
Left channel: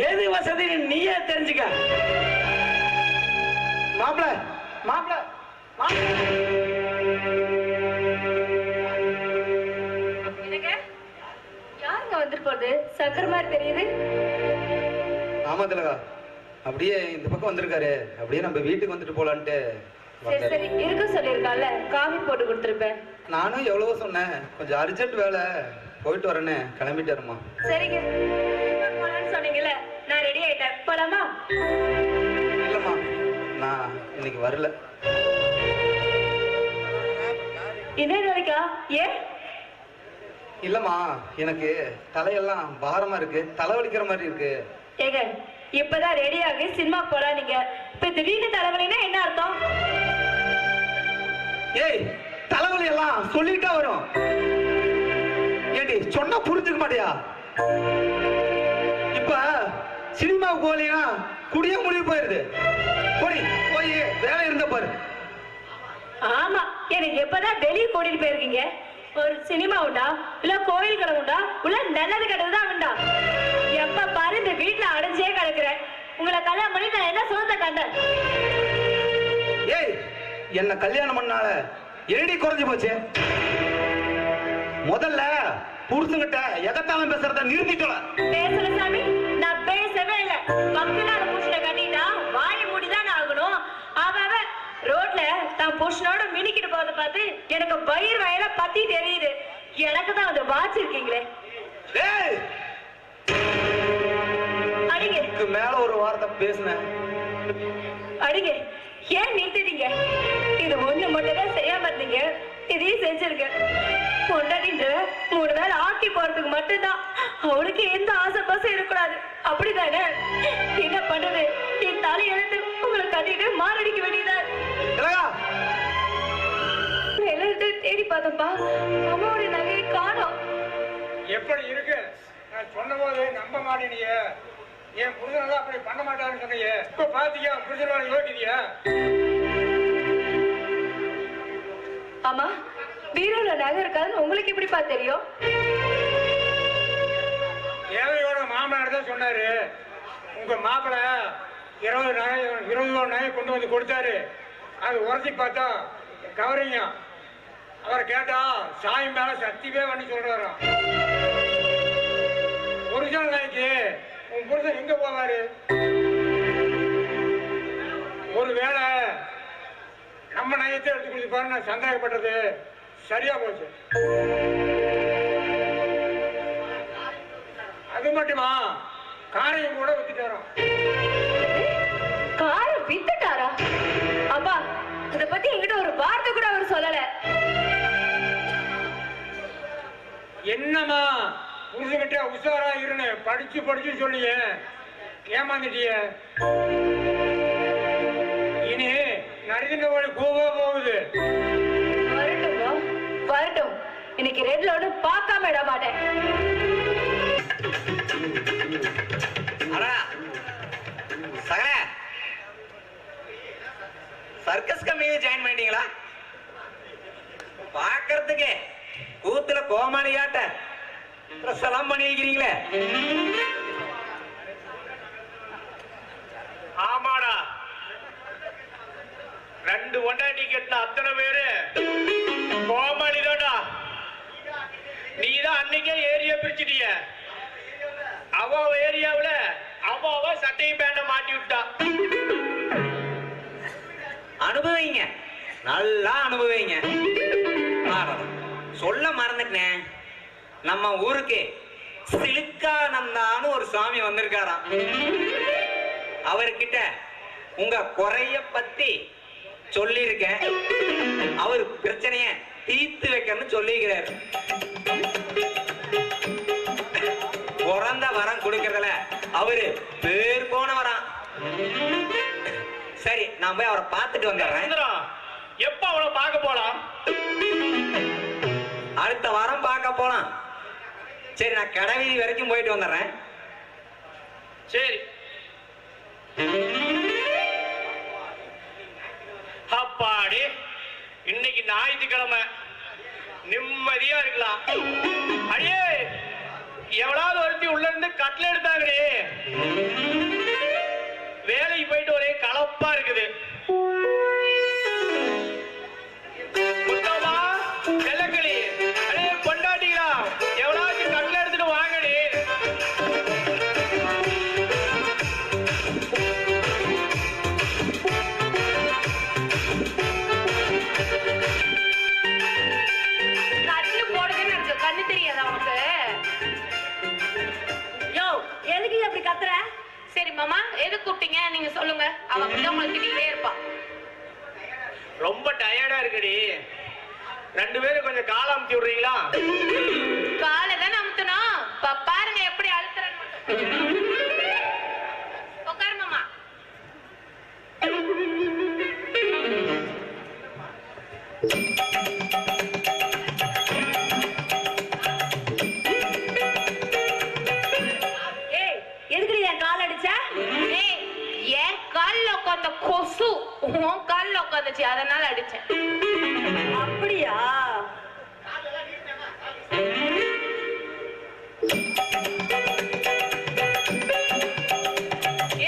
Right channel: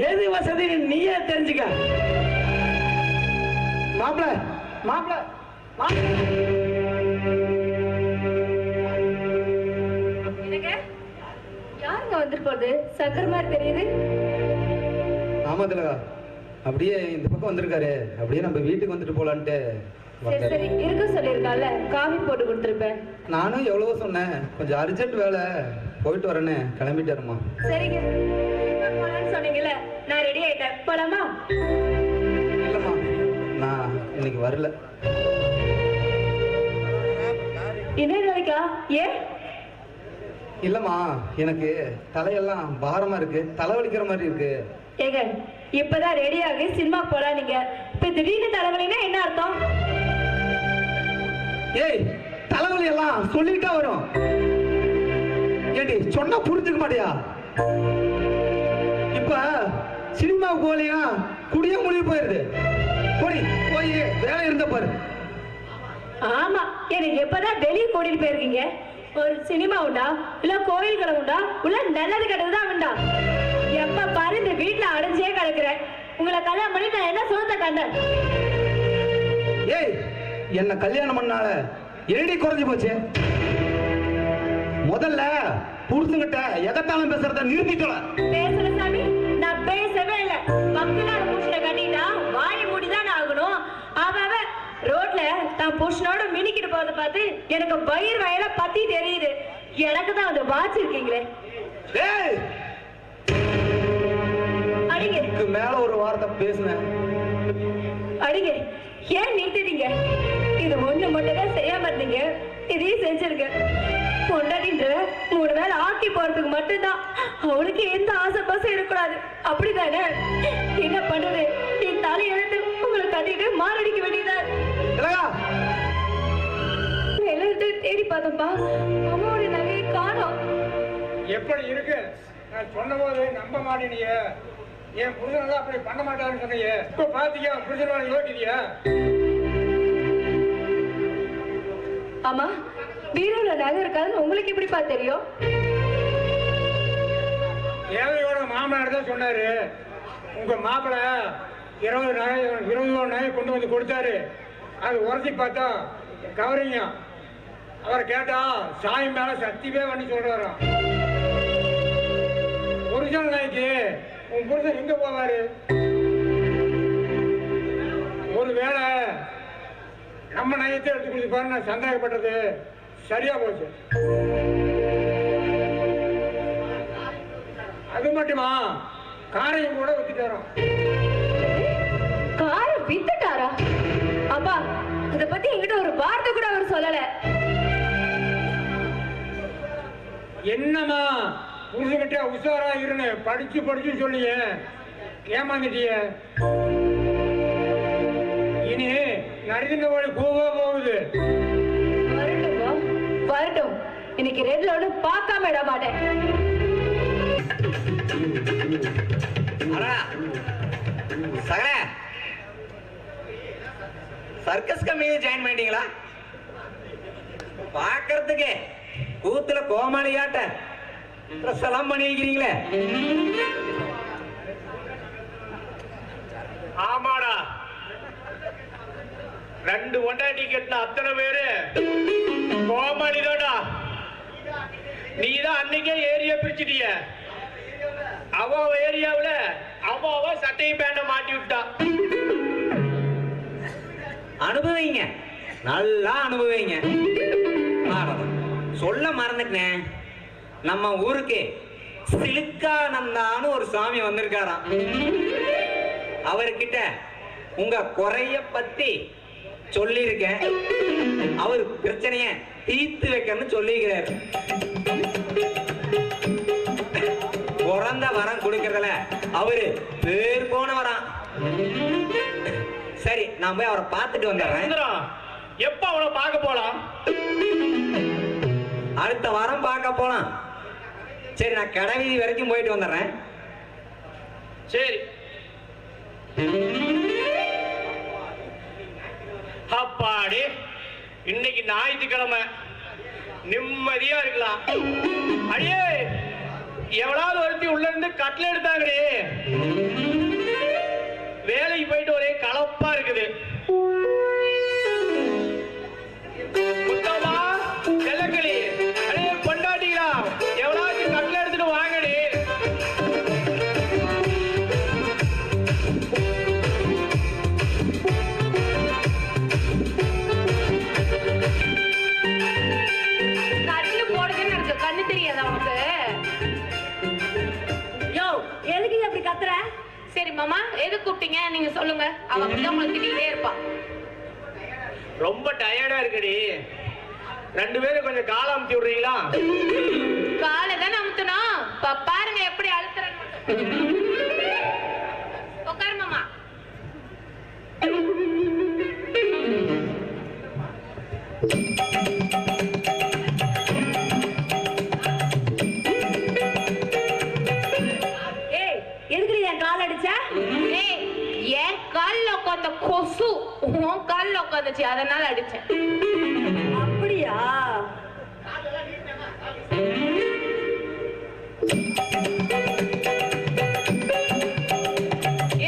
எது வசதி நீயே தெரிஞ்சுக்க. மாப்பிள்ள, மாப்பிள்ள, யாருங்க வந்துட்டு போகுது? சக்கர மாதிரி தெரியுது. ஆமா திலகா, அப்படியே இந்த பக்கம் வந்திருக்காரு, அப்படியே நம்ம வீட்டுக்கு வந்துட்டு போலான்ட்டு சரி சரி, இருக்க சொல்லிருக்கால, காஃபி போட்டு கொடுத்துருப்பேன். நானும் எவ்வளவோ சொன்னேன், கொஞ்சம் அர்ஜென்ட் வேலை, போயிட்டு வரேன்னு கிளம்பிட்டாருமா. சரிங்க, சொன்னீங்கல்ல, நான் ரெடி ஆயிட்டேன், போலாமா? இல்லம்மா, நான் இன்னைக்கு வரல. என்ன நாளைக்கா? ஏன்? இல்லம்மா, எனக்கு தலையெல்லாம் பாரமா இருக்கு, தலைவலிக்கிற மாதிரி இருக்கு. ஏங்க, இப்பதான் ரெடி ஆகி சினிமா போலாம் நீங்க, இப்ப திடீர்னு தலைவலின்னா என்ன அர்த்தம்? ஏய், தலைவலி எல்லாம் சொல்லிட்டா வரும். ஏடி, சொன்னா புரிஞ்சுக்க மாட்டியா? இப்ப சினிமாவுக்கு போலியா குடிய முடிவு போயிருது. போய் வேலை இருந்த பாரு. ஆமா, எனக்கு எப்பதான் வெளியே கூட்டிட்டு போயிருக்கீங்க? ஒரு சினிமா உண்டா, இல்ல கோயில் கடை உண்டா, இல்ல நல்லது கெட்டதுதான் உண்டா? எப்ப பாரு இந்த வீட்டுல அடைஞ்சே கிடக்குறேன். உங்களை கல்யாணம் பண்ணி நான் என்ன சுகத்தை கண்டேன்? ஏய், என்ன கல்யாணம் பண்ணால என்னடி குறைஞ்சு போச்சு? முதல்ல புருஷங்கிட்ட எதத்தாலும் பேசுறத நிறுத்திட்டோல. பேசல சாமி, நான் பேசவே இல்லை. மக்களால புருஷனை கட்டிட்டா வாயை மூடிதான் ஆகணும். அவன் ரோட்ல தான் புருஷனோட மினிக்கிட்டு போறத பார்த்து எனக்கு வயிறு வயல பத்தி தெரியுது. எனக்கு தான் அந்த வாட்ச் இருக்கீங்களே. ஏய், அடிங்க, இதுக்கு மேல ஒரு வார்த்தை பேசுனேன் அடிங்க. ஏன் நிறுத்திட்டீங்க? இது ஒண்ணு மட்டும் தான் செய்யாம இருந்தீங்க, இதையும் செஞ்சிருக்க. பொண்டாட்டின்ற 3 நாள் ஆக்கி போறதுக்கு மட்டும்தான், அவளுக்கு எந்த ஆசை பாசம் இருக்கக்கூடாது, அப்படிதானே? என்ன பண்றது? என் தலை எழுந்து உங்களை கட்டிட்டு மாரடிக்க வேண்டியதான். எல்லார்கிட்ட தேடி பார்த்தப்பா, அம்மாவுடைய நகையை காணோம். எப்படி இருக்கு? நான் சொன்ன போது நம்ப மாட்டேனியே. என் புருஷன் அப்படி பண்ண மாட்டாருன்னு சொன்னையே, இப்ப பாத்தியா புருஷனோட யோகிதியா? ஆமா, பீரோல நகை இருக்காதுன்னு உங்களுக்கு எப்படிப்பா தெரியும்? தேவையோட மாமனார் தான் சொன்னாரு, உங்க மாப்பிள்ள 20 நகை கொண்டு வந்து கொடுத்தாரு. அது உரசி பார்த்தா கவரிங்க. அவரை கேட்டா சாமி மேல சத்தியமே பண்ணி சொல்றாராம். ஒரிஜினல் நகைக்கு உன் புருஷன் எங்க போவாரு? ஒருவேளை நம்ம நகையத்தை எடுத்து கொடுத்து பாரு, நான் சந்தேகப்பட்டது சரியா போச்சு. அது மட்டுமா, காரையும் கூட வித்துட்டாராம். காரை வித்துட்டாரா? அப்பா, இத பத்தி என்கிட்ட ஒரு வார்த்தை கூட அவர் சொல்லல. என்னம்மா புருஷன்கிட்ட உஷாரா இருன்னு படிச்சு சொல்லிய ஏமாந்துட்டிய. இனி நடுதின வழி போக போகுது. வரட்டும் வரட்டும், இன்னைக்கு ரெட்ல ஒண்ணு பார்க்காம விட மாட்டேன். சகல சர்க்கஸ் கம்பெனி ஜாயின் பண்ணிட்டீங்களா? பாக்குறதுக்கு கூத்துல கோமாளியாட்ட ட்ரெஸ் எல்லாம் பண்ணி வைக்கிறீங்களே. ஆமாடா, 2 ஒண்டாட்டி கட்டின அத்தனை பேரு கோமாளிதாடா. நீதான் அன்னைக்கே ஏரியா பிரிச்சுட்டிய. அவ ஏரியாவுல அவ சட்டையும் பேண்ட மாட்டி விட்டா. அனுபவிங்க, நல்லா அனுபவிங்க. சொல்ல மறந்துட்டேன், நம்ம ஊருக்கு சிலுக்கானந்தான்னு ஒரு சாமி வந்திருக்காராம். அவர்கிட்ட உங்க குறைய பத்தி சொல்லியிருக்கேன். அவர் பிரச்சனைய தீர்த்து வைக்கணும்னு சொல்லிக்கிறார். பிறந்த வரம் கொடுக்கறதுல அவரு பேர் போன வரம். சரி, நான் போய் அவரை பார்த்துட்டு வந்துடுறேன். எப்ப அவளை பார்க்க போலாம்? அடுத்த வாரம் பார்க்க போலாம். சரி, நான் கடை வீதி வரைக்கும் போயிட்டு வந்துடுறேன். சரி. அப்பாடி, இன்னைக்கு ஞாயிற்றுக்கிழமை, நிம்மதியா இருக்கலாம். அடியே, எவ்வளவு ஒருத்தி உள்ள இருந்து கட்டில எடுத்தாங்களே. வேலைக்கு போயிட்டு ஒரே கலப்பா இருக்குது. முத்தம்மா, செல்லக்கிளி, அடே பொண்டாட்டிங்களா, எவ்வளவு கட்டில எடுத்துட்டு வாங்கடி. கண்ணு போடுதுன்னு இருக்கு, கண்ணு தெரியாதா உனக்கு? யோ, எதுக்கு நீ அப்படி கத்துற? சரி மாமா, எது கூப்பிட்டீங்க நீங்க சொல்லுங்க. அவ அப்படிதான் உங்களுக்கு திட்டிகிட்டே இருப்பா. ரொம்ப டயர்டா இருக்குடி. 2 பேரும் கொஞ்சம் கால அமுத்தி விடுறீங்களா? காலை தானே அமுத்தணும். பாருங்க எப்படி அழுத்துறேன்னு. உட்காரு மாமா. ஏய், எதுக்கு நீ என் கால் அடிச்ச? ஏய், என் கால்ல உட்கார்ந்த கொசு உன் கால்ல உட்காந்துச்சு, அதனால அடிச்சேன். அப்படியா?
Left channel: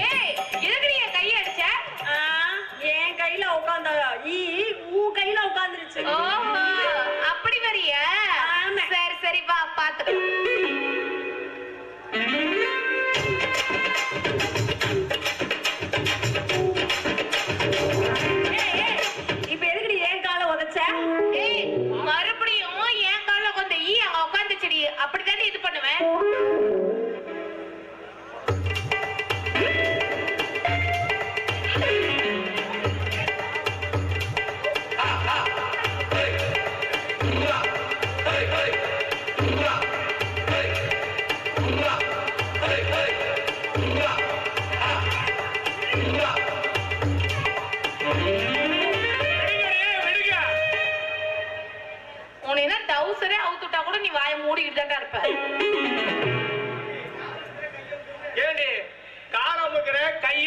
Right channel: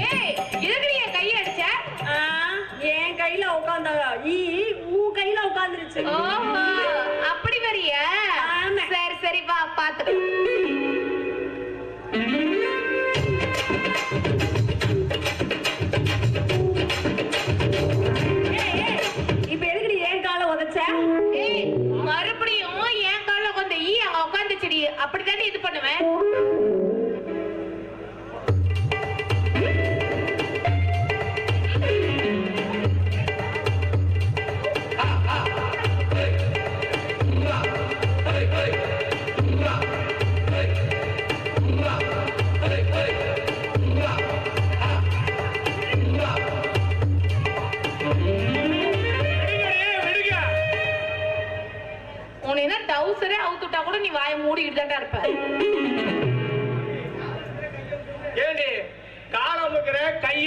ஏய், எதுக்கு நீ என் கையை அடிச்ச? என் கையில உட்கார்ந்த உன் கையில உட்கார்ந்துருச்சு. ஓஹோ, அப்படி வரியா? ஆமா. சரி சரி, வா பாத்துக்கலாம். இப்ப எதுக்கு நீ என் காலை உதைச்ச? ஏய், மறுபடியும் என் கால்ல உட்கார்ந்த அங்க உட்காந்துச்சுடி. அப்படித்தானே இது பண்ணுவேன்.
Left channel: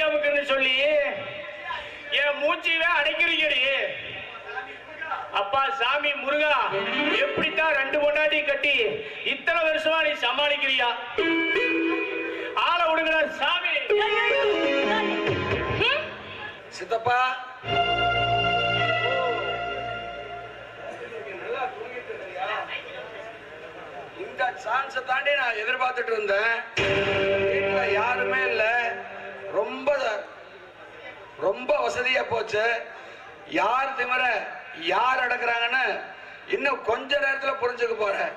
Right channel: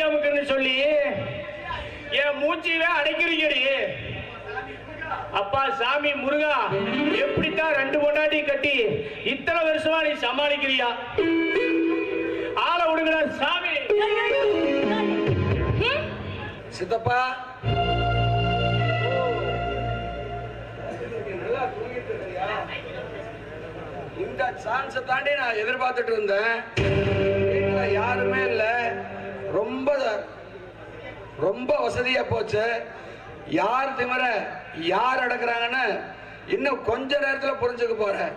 அமுக்குன்னு சொல்லி என் மூச்சியவே அடைக்கிறீங்கடி. அப்பா சாமி முருகா, எப்படித்தான் 2 பொண்டாட்டி கட்டி இத்தனை வருஷமா நீ சமாளிக்கிறியா? ஆளை விடுங்கடா சாமி. சித்தப்பா இந்த சான்ஸை தாண்டி நான் எதிர்பார்த்துட்டு இருந்தேன். வீட்டுல யாருமே இல்ல, ரொம்ப ரொம்ப வசதியா போச்சு. யார் திமிர யார் அடக்குறாங்கன்னு இன்னும் கொஞ்ச நேரத்துல புரிஞ்சுக்க போறேன்.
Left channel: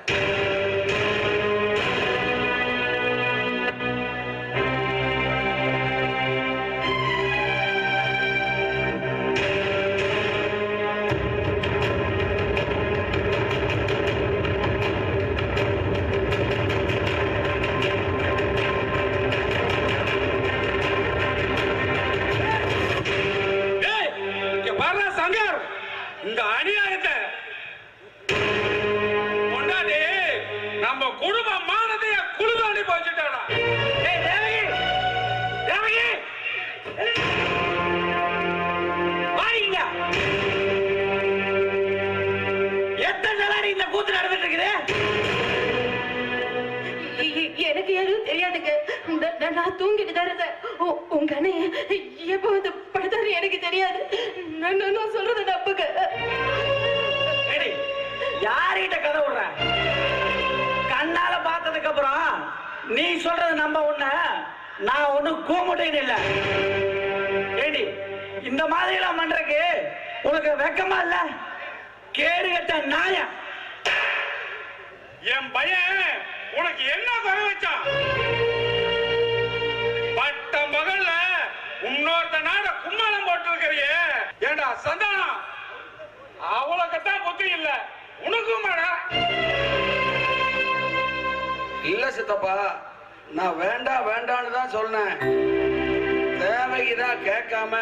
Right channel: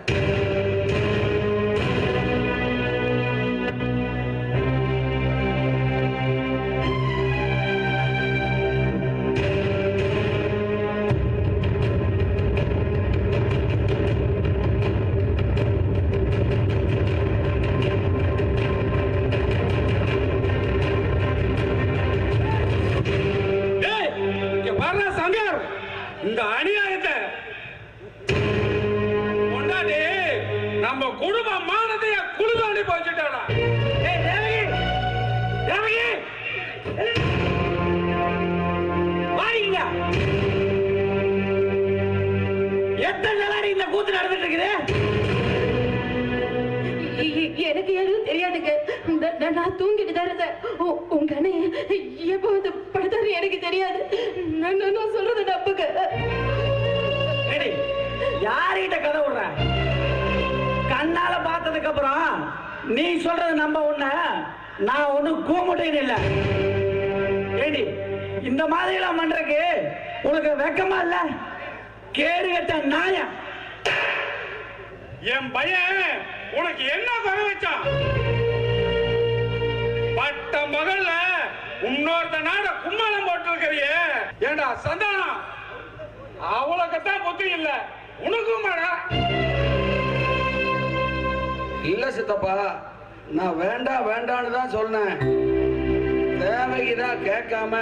இந்த அநியாயத்தை கொண்டாடி நம்ம குடும்ப மானதைய குழுதாண்டி போச்சுட்டாடா. எத்தனை நாளா இந்த கூத்து நடந்துட்டு இருக்குது? எனக்கு யாரும் தெரியாதுங்க. நான் தூங்கிட்டு தான் இருந்தேன். உங்க அண்ணன் எப்போ வந்து படுத்தாரு எனக்கு தெரியாது. நான் சொல்றது நம்புங்க. யார்கிட்ட கதை விடுற? கண்ணால பார்த்ததுக்கு அப்புறம் நீ சொல்றது நம்ப உன்ன நான் ஒண்ணு கூமுட்டைன்னு இல்ல. ஏடி, இந்த மாதிரி எல்லாம் பண்றதுக்கு உனக்கு வெக்கமா இல்ல? கேடு கட்ட நாயம். என் பையன் உனக்கு என்ன குறை வச்சான்? பட்ட மகள்ல இன்னொருத்த நாட கும்மாளம் போட்டு இருக்கிறியே. ஏண்டா சந்தானம், அவளுக்குத்தான் புத்தி இல்ல, உனக்கும் இல்ல சித்தப்பா, நான் வேண்டாம் வேண்டான்னு தான் சொன்னேன். தேவைக்குதான் கேட்காம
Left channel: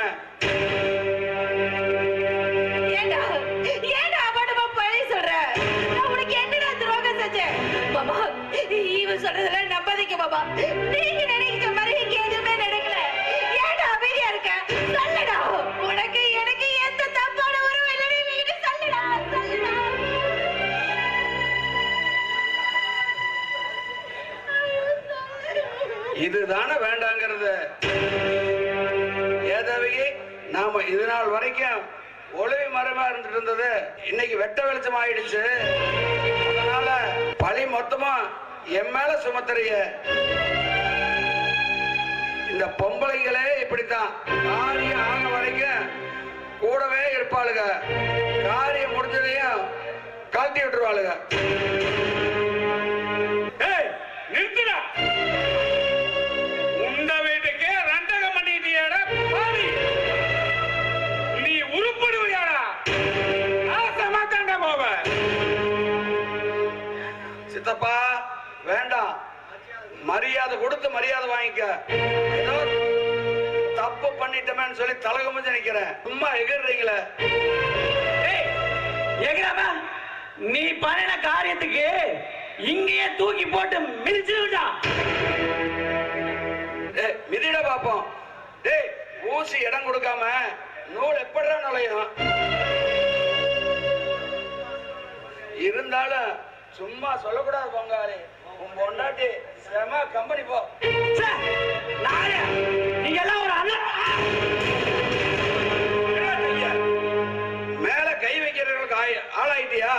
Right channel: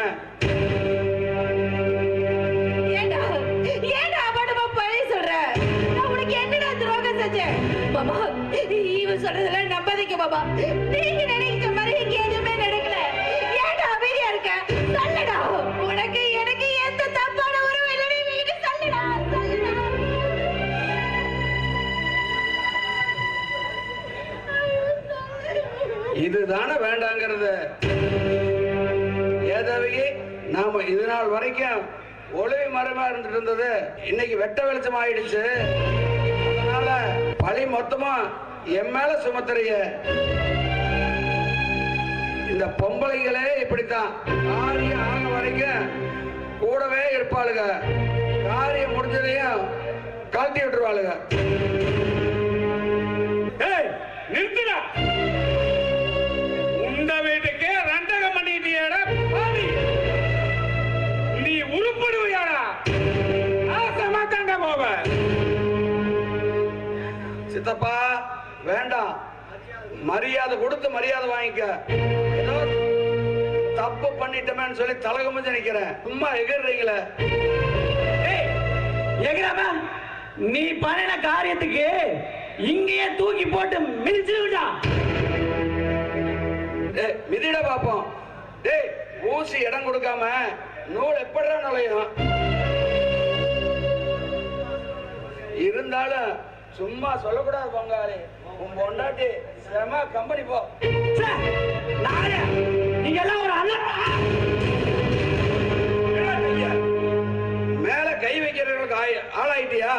இவன் சொல்றதெல்லாம் நம்பாதீங்க பாபா. நீங்க நினைக்கிற மாதிரி இங்க எதுவுமே நடக்கல. ஏன்டா அமைதியா இருக்க? சொல்லுடா, உனக்கு எனக்கு எந்த தப்பான உறவு இல்லைன்னு நீங்க சொல்லுடா, சொல்லுடா. இதுதானே வேண்டாங்கிறது. ஏதவையே நாம இது நாள் வரைக்கும் ஒளிவு மறைவா இருந்துட்டு இருந்தது இன்னைக்கு வெட்ட வெளிச்சம் ஆயிடுச்சு. அதனால பழி மொத்தமா என் மேல சுமத்துறீங்க. இந்த பொம்பளைங்களே இப்படித்தான், காரியம் ஆன வரைக்கும் கூடவே இருப்பாளுங்க, காரியம் முடிஞ்சதையும் கழட்டி விட்டுருவாளுங்க. நிறுத்துடா. உண்ட வீட்டுக்கே ரண்டகம் பண்ணிட்டியாடா பாவி. நீ உருப்படுவியாடா? ஆசமாத்தாண்டா போவ. சித்தப்பா வேண்டாம், மரியாதை கொடுத்து மரியாதை வாங்கிக்க. ஏதோ தப்பு பண்ணிட்டோமேன்னு சொல்லி தலகுமிஞ்சு நிக்கிறேன், சும்மா எகிர்றீங்களே. எகிராம நீ பண்ணின காரியத்துக்கு இங்கேயே தூக்கி போட்டு மிதிச்சுடா. மிதிட பாப்போம். டேய், ஊசி இடம் கொடுக்காம நூல் எப்படிடா நுழையும்? இருந்தாலும் சும்மா சொல்லக்கூடாது பொங்காரி. உன் பொண்டாட்டி செம கம்பெனி போ. நீங்க எல்லாம் ஒரு மேல கை வைக்கிறவங்களுக்கு ஆளாயிட்டியா?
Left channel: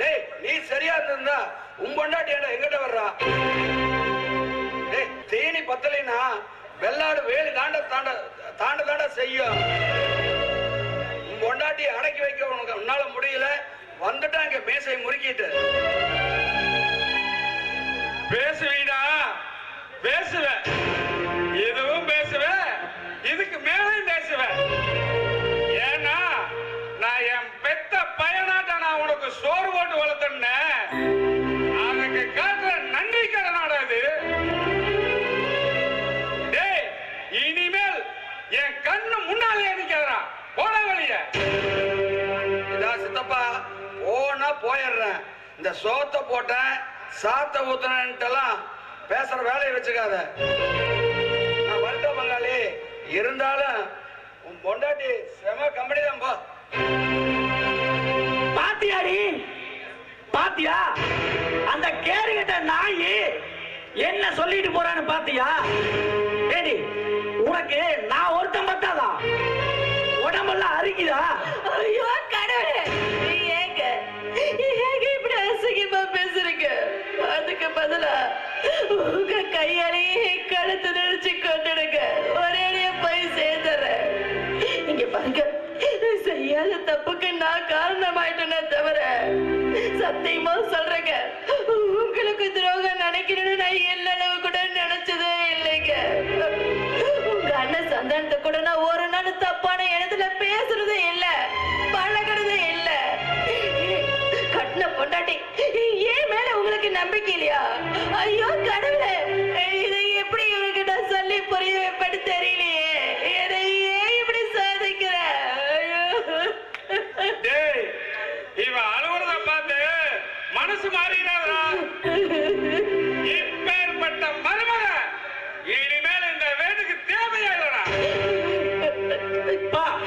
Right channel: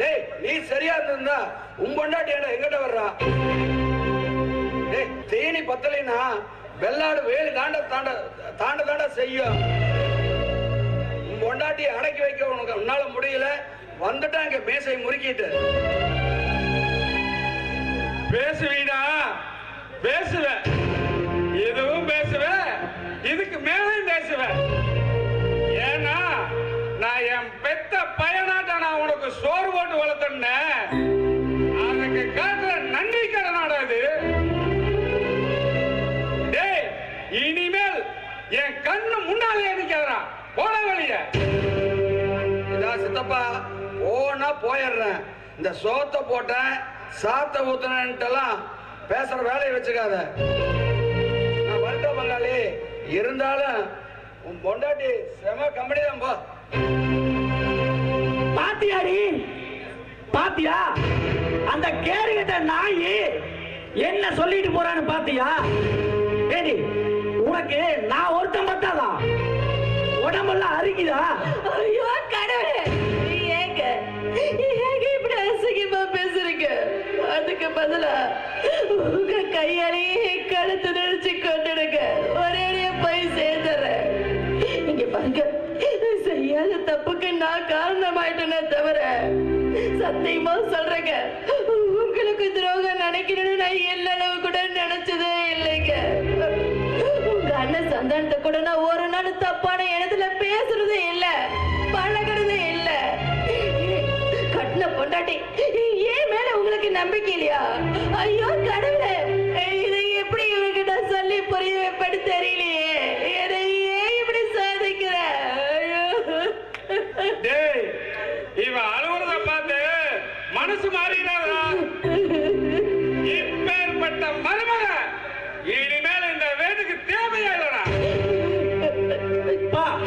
டேய், நீ சரியா இருந்தா உன் பொண்டாட்டி எங்கிட்ட வர்றா? டேய், தேனி பத்தலைன்னா வெள்ளாடு வேலு தாண்ட தாண்ட தாண்ட தாண்ட செய்யும். உன் பொண்டாட்டியை அடக்கி வைக்க உனக்கு உன்னால முடியல, வந்துட்டா இங்க மேசை முறுக்கிட்டு பேசுவீடா, பேசுவ, இதுவும் பேசுவ, இதுக்கு மேலும் பேசுவ. ஏன்னா நான் என் பெத்த பையனாட்ட நான் உனக்கு சோறு போட்டு வளர்த்தேன். அதுக்கு காட்டுற நன்றி கடனாடா இது. டேய், இனிமேல் என் கண்ணு முன்னாலே நிக்கிறா, போட வழிய. இதான் சித்தப்பா, போனா போயிடுறேன். இந்த சோத்தை போட்டேன் சாத்த ஊத்துனேன்ட்டெல்லாம் பேசுற வேலையை வச்சுக்காத. நான் வரட்ட பங்காளி, இருந்தாலும் உன் பொண்டாட்டி செம கம்பெனி தான் போ. பாத்தியாடி, பாத்தியா அந்த கேடுகட்ட நாயி என்ன சொல்லிட்டு போறான்னு பாத்தியா? ஏடி, உனக்கு நான் ஒருத்தன் பத்தாதா? உடம்பெல்லாம் அரிக்குதா? ஐயோ கடவுளே, ஏங்க இப்படி அசிங்கமா பேசுறீங்க? அதுக்கு பதிலா உங்க கையாலேயே கழுத்து நெரிச்சு கொண்டுடுங்க, ஒரேடியா போய் சேர்ந்துறேன். இங்க பாருங்க, செய்யாத தப்புக்கு நான் காரணமாயிட்டேனே தவிர சத்தியமா சொல்றேங்க, உங்களுக்கு துரோகம் நினைக்கணும்னு நான் எல்லளவு கூட நினைச்சதே இல்லைங்க. உங்க அண்ணன் சந்தானத்தை கூட நான் ஒரு நாள் தப்பான இடத்துல பேசுறதே இல்ல, பழகிறதே இல்ல. கட்டின பொண்டாட்டி ஏன் மேல உங்களுக்கு நம்பிக்கை இல்லையா? ஐயோ கடவுளே, இதை எப்படி இவங்க நான் சொல்லி புரிய வைப்பேன்னு தெரியலையே. என்னை ஏன் இப்படி சாதிக்கிற? டேய், இவன் அழுகுறத பார்த்து மனசு மாறினாரா? இப்பேற்பட்ட மருமக இனிமேல் இந்த வீட்டுக்கு தேவையாயிடா.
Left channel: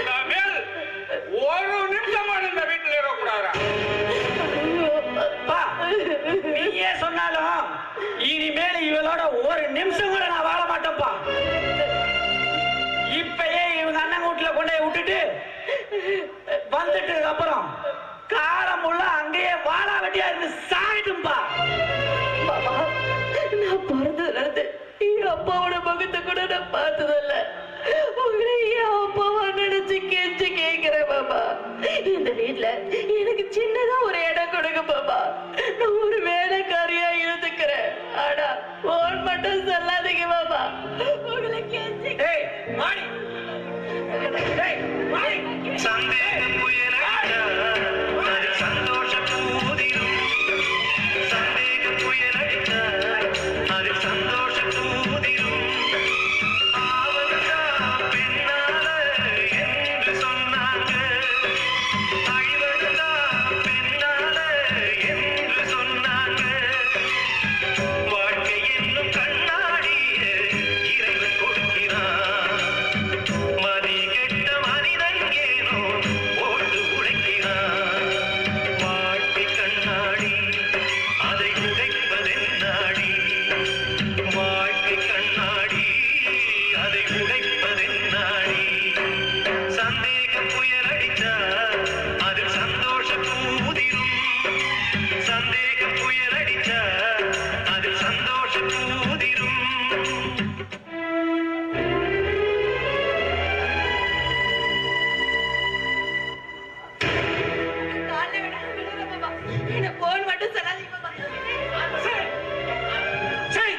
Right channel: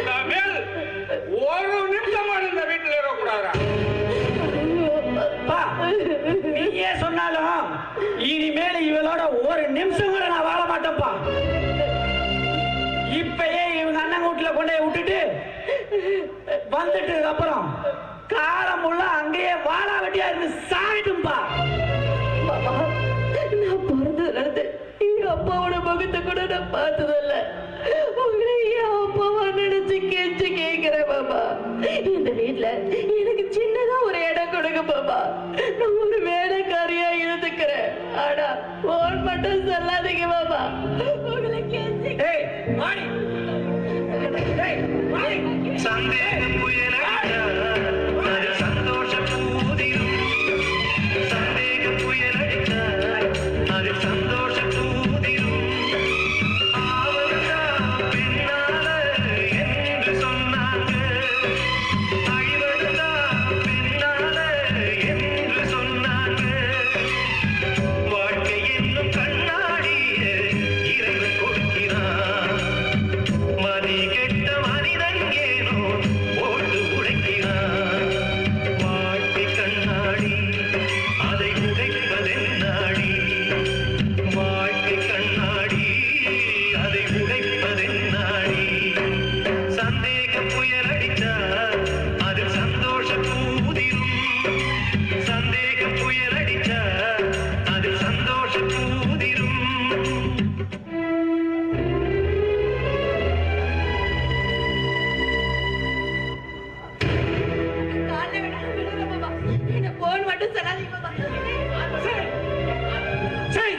இனிமேல் ஒரு நிமிஷமான இந்த வீட்டில் இருக்கக்கூடாதா? நீயே சொன்னாலும் இனிமேல் இவளோட ஒரு நிமிஷம் கூட நான் வாழ மாட்டேன்ப்பா. இப்பயே இவங்க அண்ணன் வீட்டுல கொண்டு போய் விட்டுட்டு வந்துட்டு அப்புறம் காலம் உள்ள அங்கேயே வாழா வெட்டியா இருந்து சாயிட்டும்பா. மாமா, நான் பிறந்தது என் அப்பாவோட முகத்தை கூட நான் பார்த்ததில்ல. உங்களை என் அப்பாவா நினைச்சு கெஞ்சி கேட்கிறேன் மாமா. இந்த வீட்டுல எனக்கு சின்னதா ஒரு இடம் கொடுங்க மாமா. நான் ஒரு வேலைக்காரியா இருந்துக்கிறேன். ஆனா போன் மட்டும் சொல்லாதீங்க மாமா. உங்களை கெஞ்சி ஏய் மாடி, ஏய் மாடி, சந்தேக புயலடிச்சா அது சந்தோஷ பூதிரும். சந்தேக புயலடிச்சா அது சந்தோஷ பூதிரும். ஆவதா பின்னால என்று சொன்னாங்க, அழிவதா பின்னால என்று சொன்னாங்க. வாழ்க்கை என்னும் கண்ணாடிய இறைவன் கொடுக்கிறான். மதி கெட்ட மனிதன் ஏனோ ஓட்டு உடைக்கிறான். வாழ்க்கை கண்ணாடி அதை உடைப்பதென்னாடி? வாழ்க்கை கண்ணாடி அதை உடைப்பதென்னாடி? சந்தேக புயல் அடிச்சா அது சந்தோஷ பூதிரும். சந்தேக புயல் அடிச்சா அது சந்தோஷ பூதிரும். காலைல விடுங்க மாமா. என்ன போன் மட்டும் சொல்லாதீங்க மாமா. சரி,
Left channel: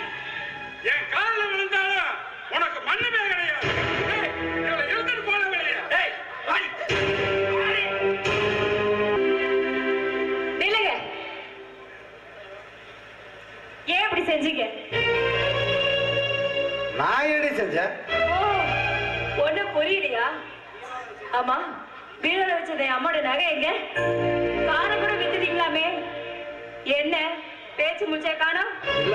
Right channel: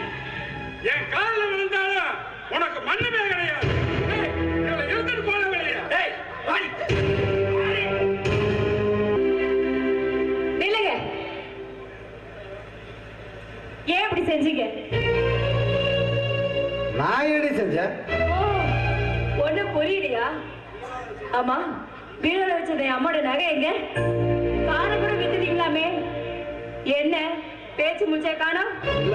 என் காலில் விழுந்தாலும் உனக்கு மண்ணுமே கிடையாது. ஏய், இவளை இழுத்துட்டு போன வெளியே. ஏய் மாடி. நில்லுங்க. ஏன் இப்படி செஞ்சீங்க? நான் எப்படி செஞ்சேன்? ஒண்ணு புரியலையா? ஆமா, பீரோல வச்சது அம்மோட நகை எங்க? காரம் கூட வித்துட்டீங்களாமே, என்ன பேச்சு முடிச்சா காணோம்? இல்ல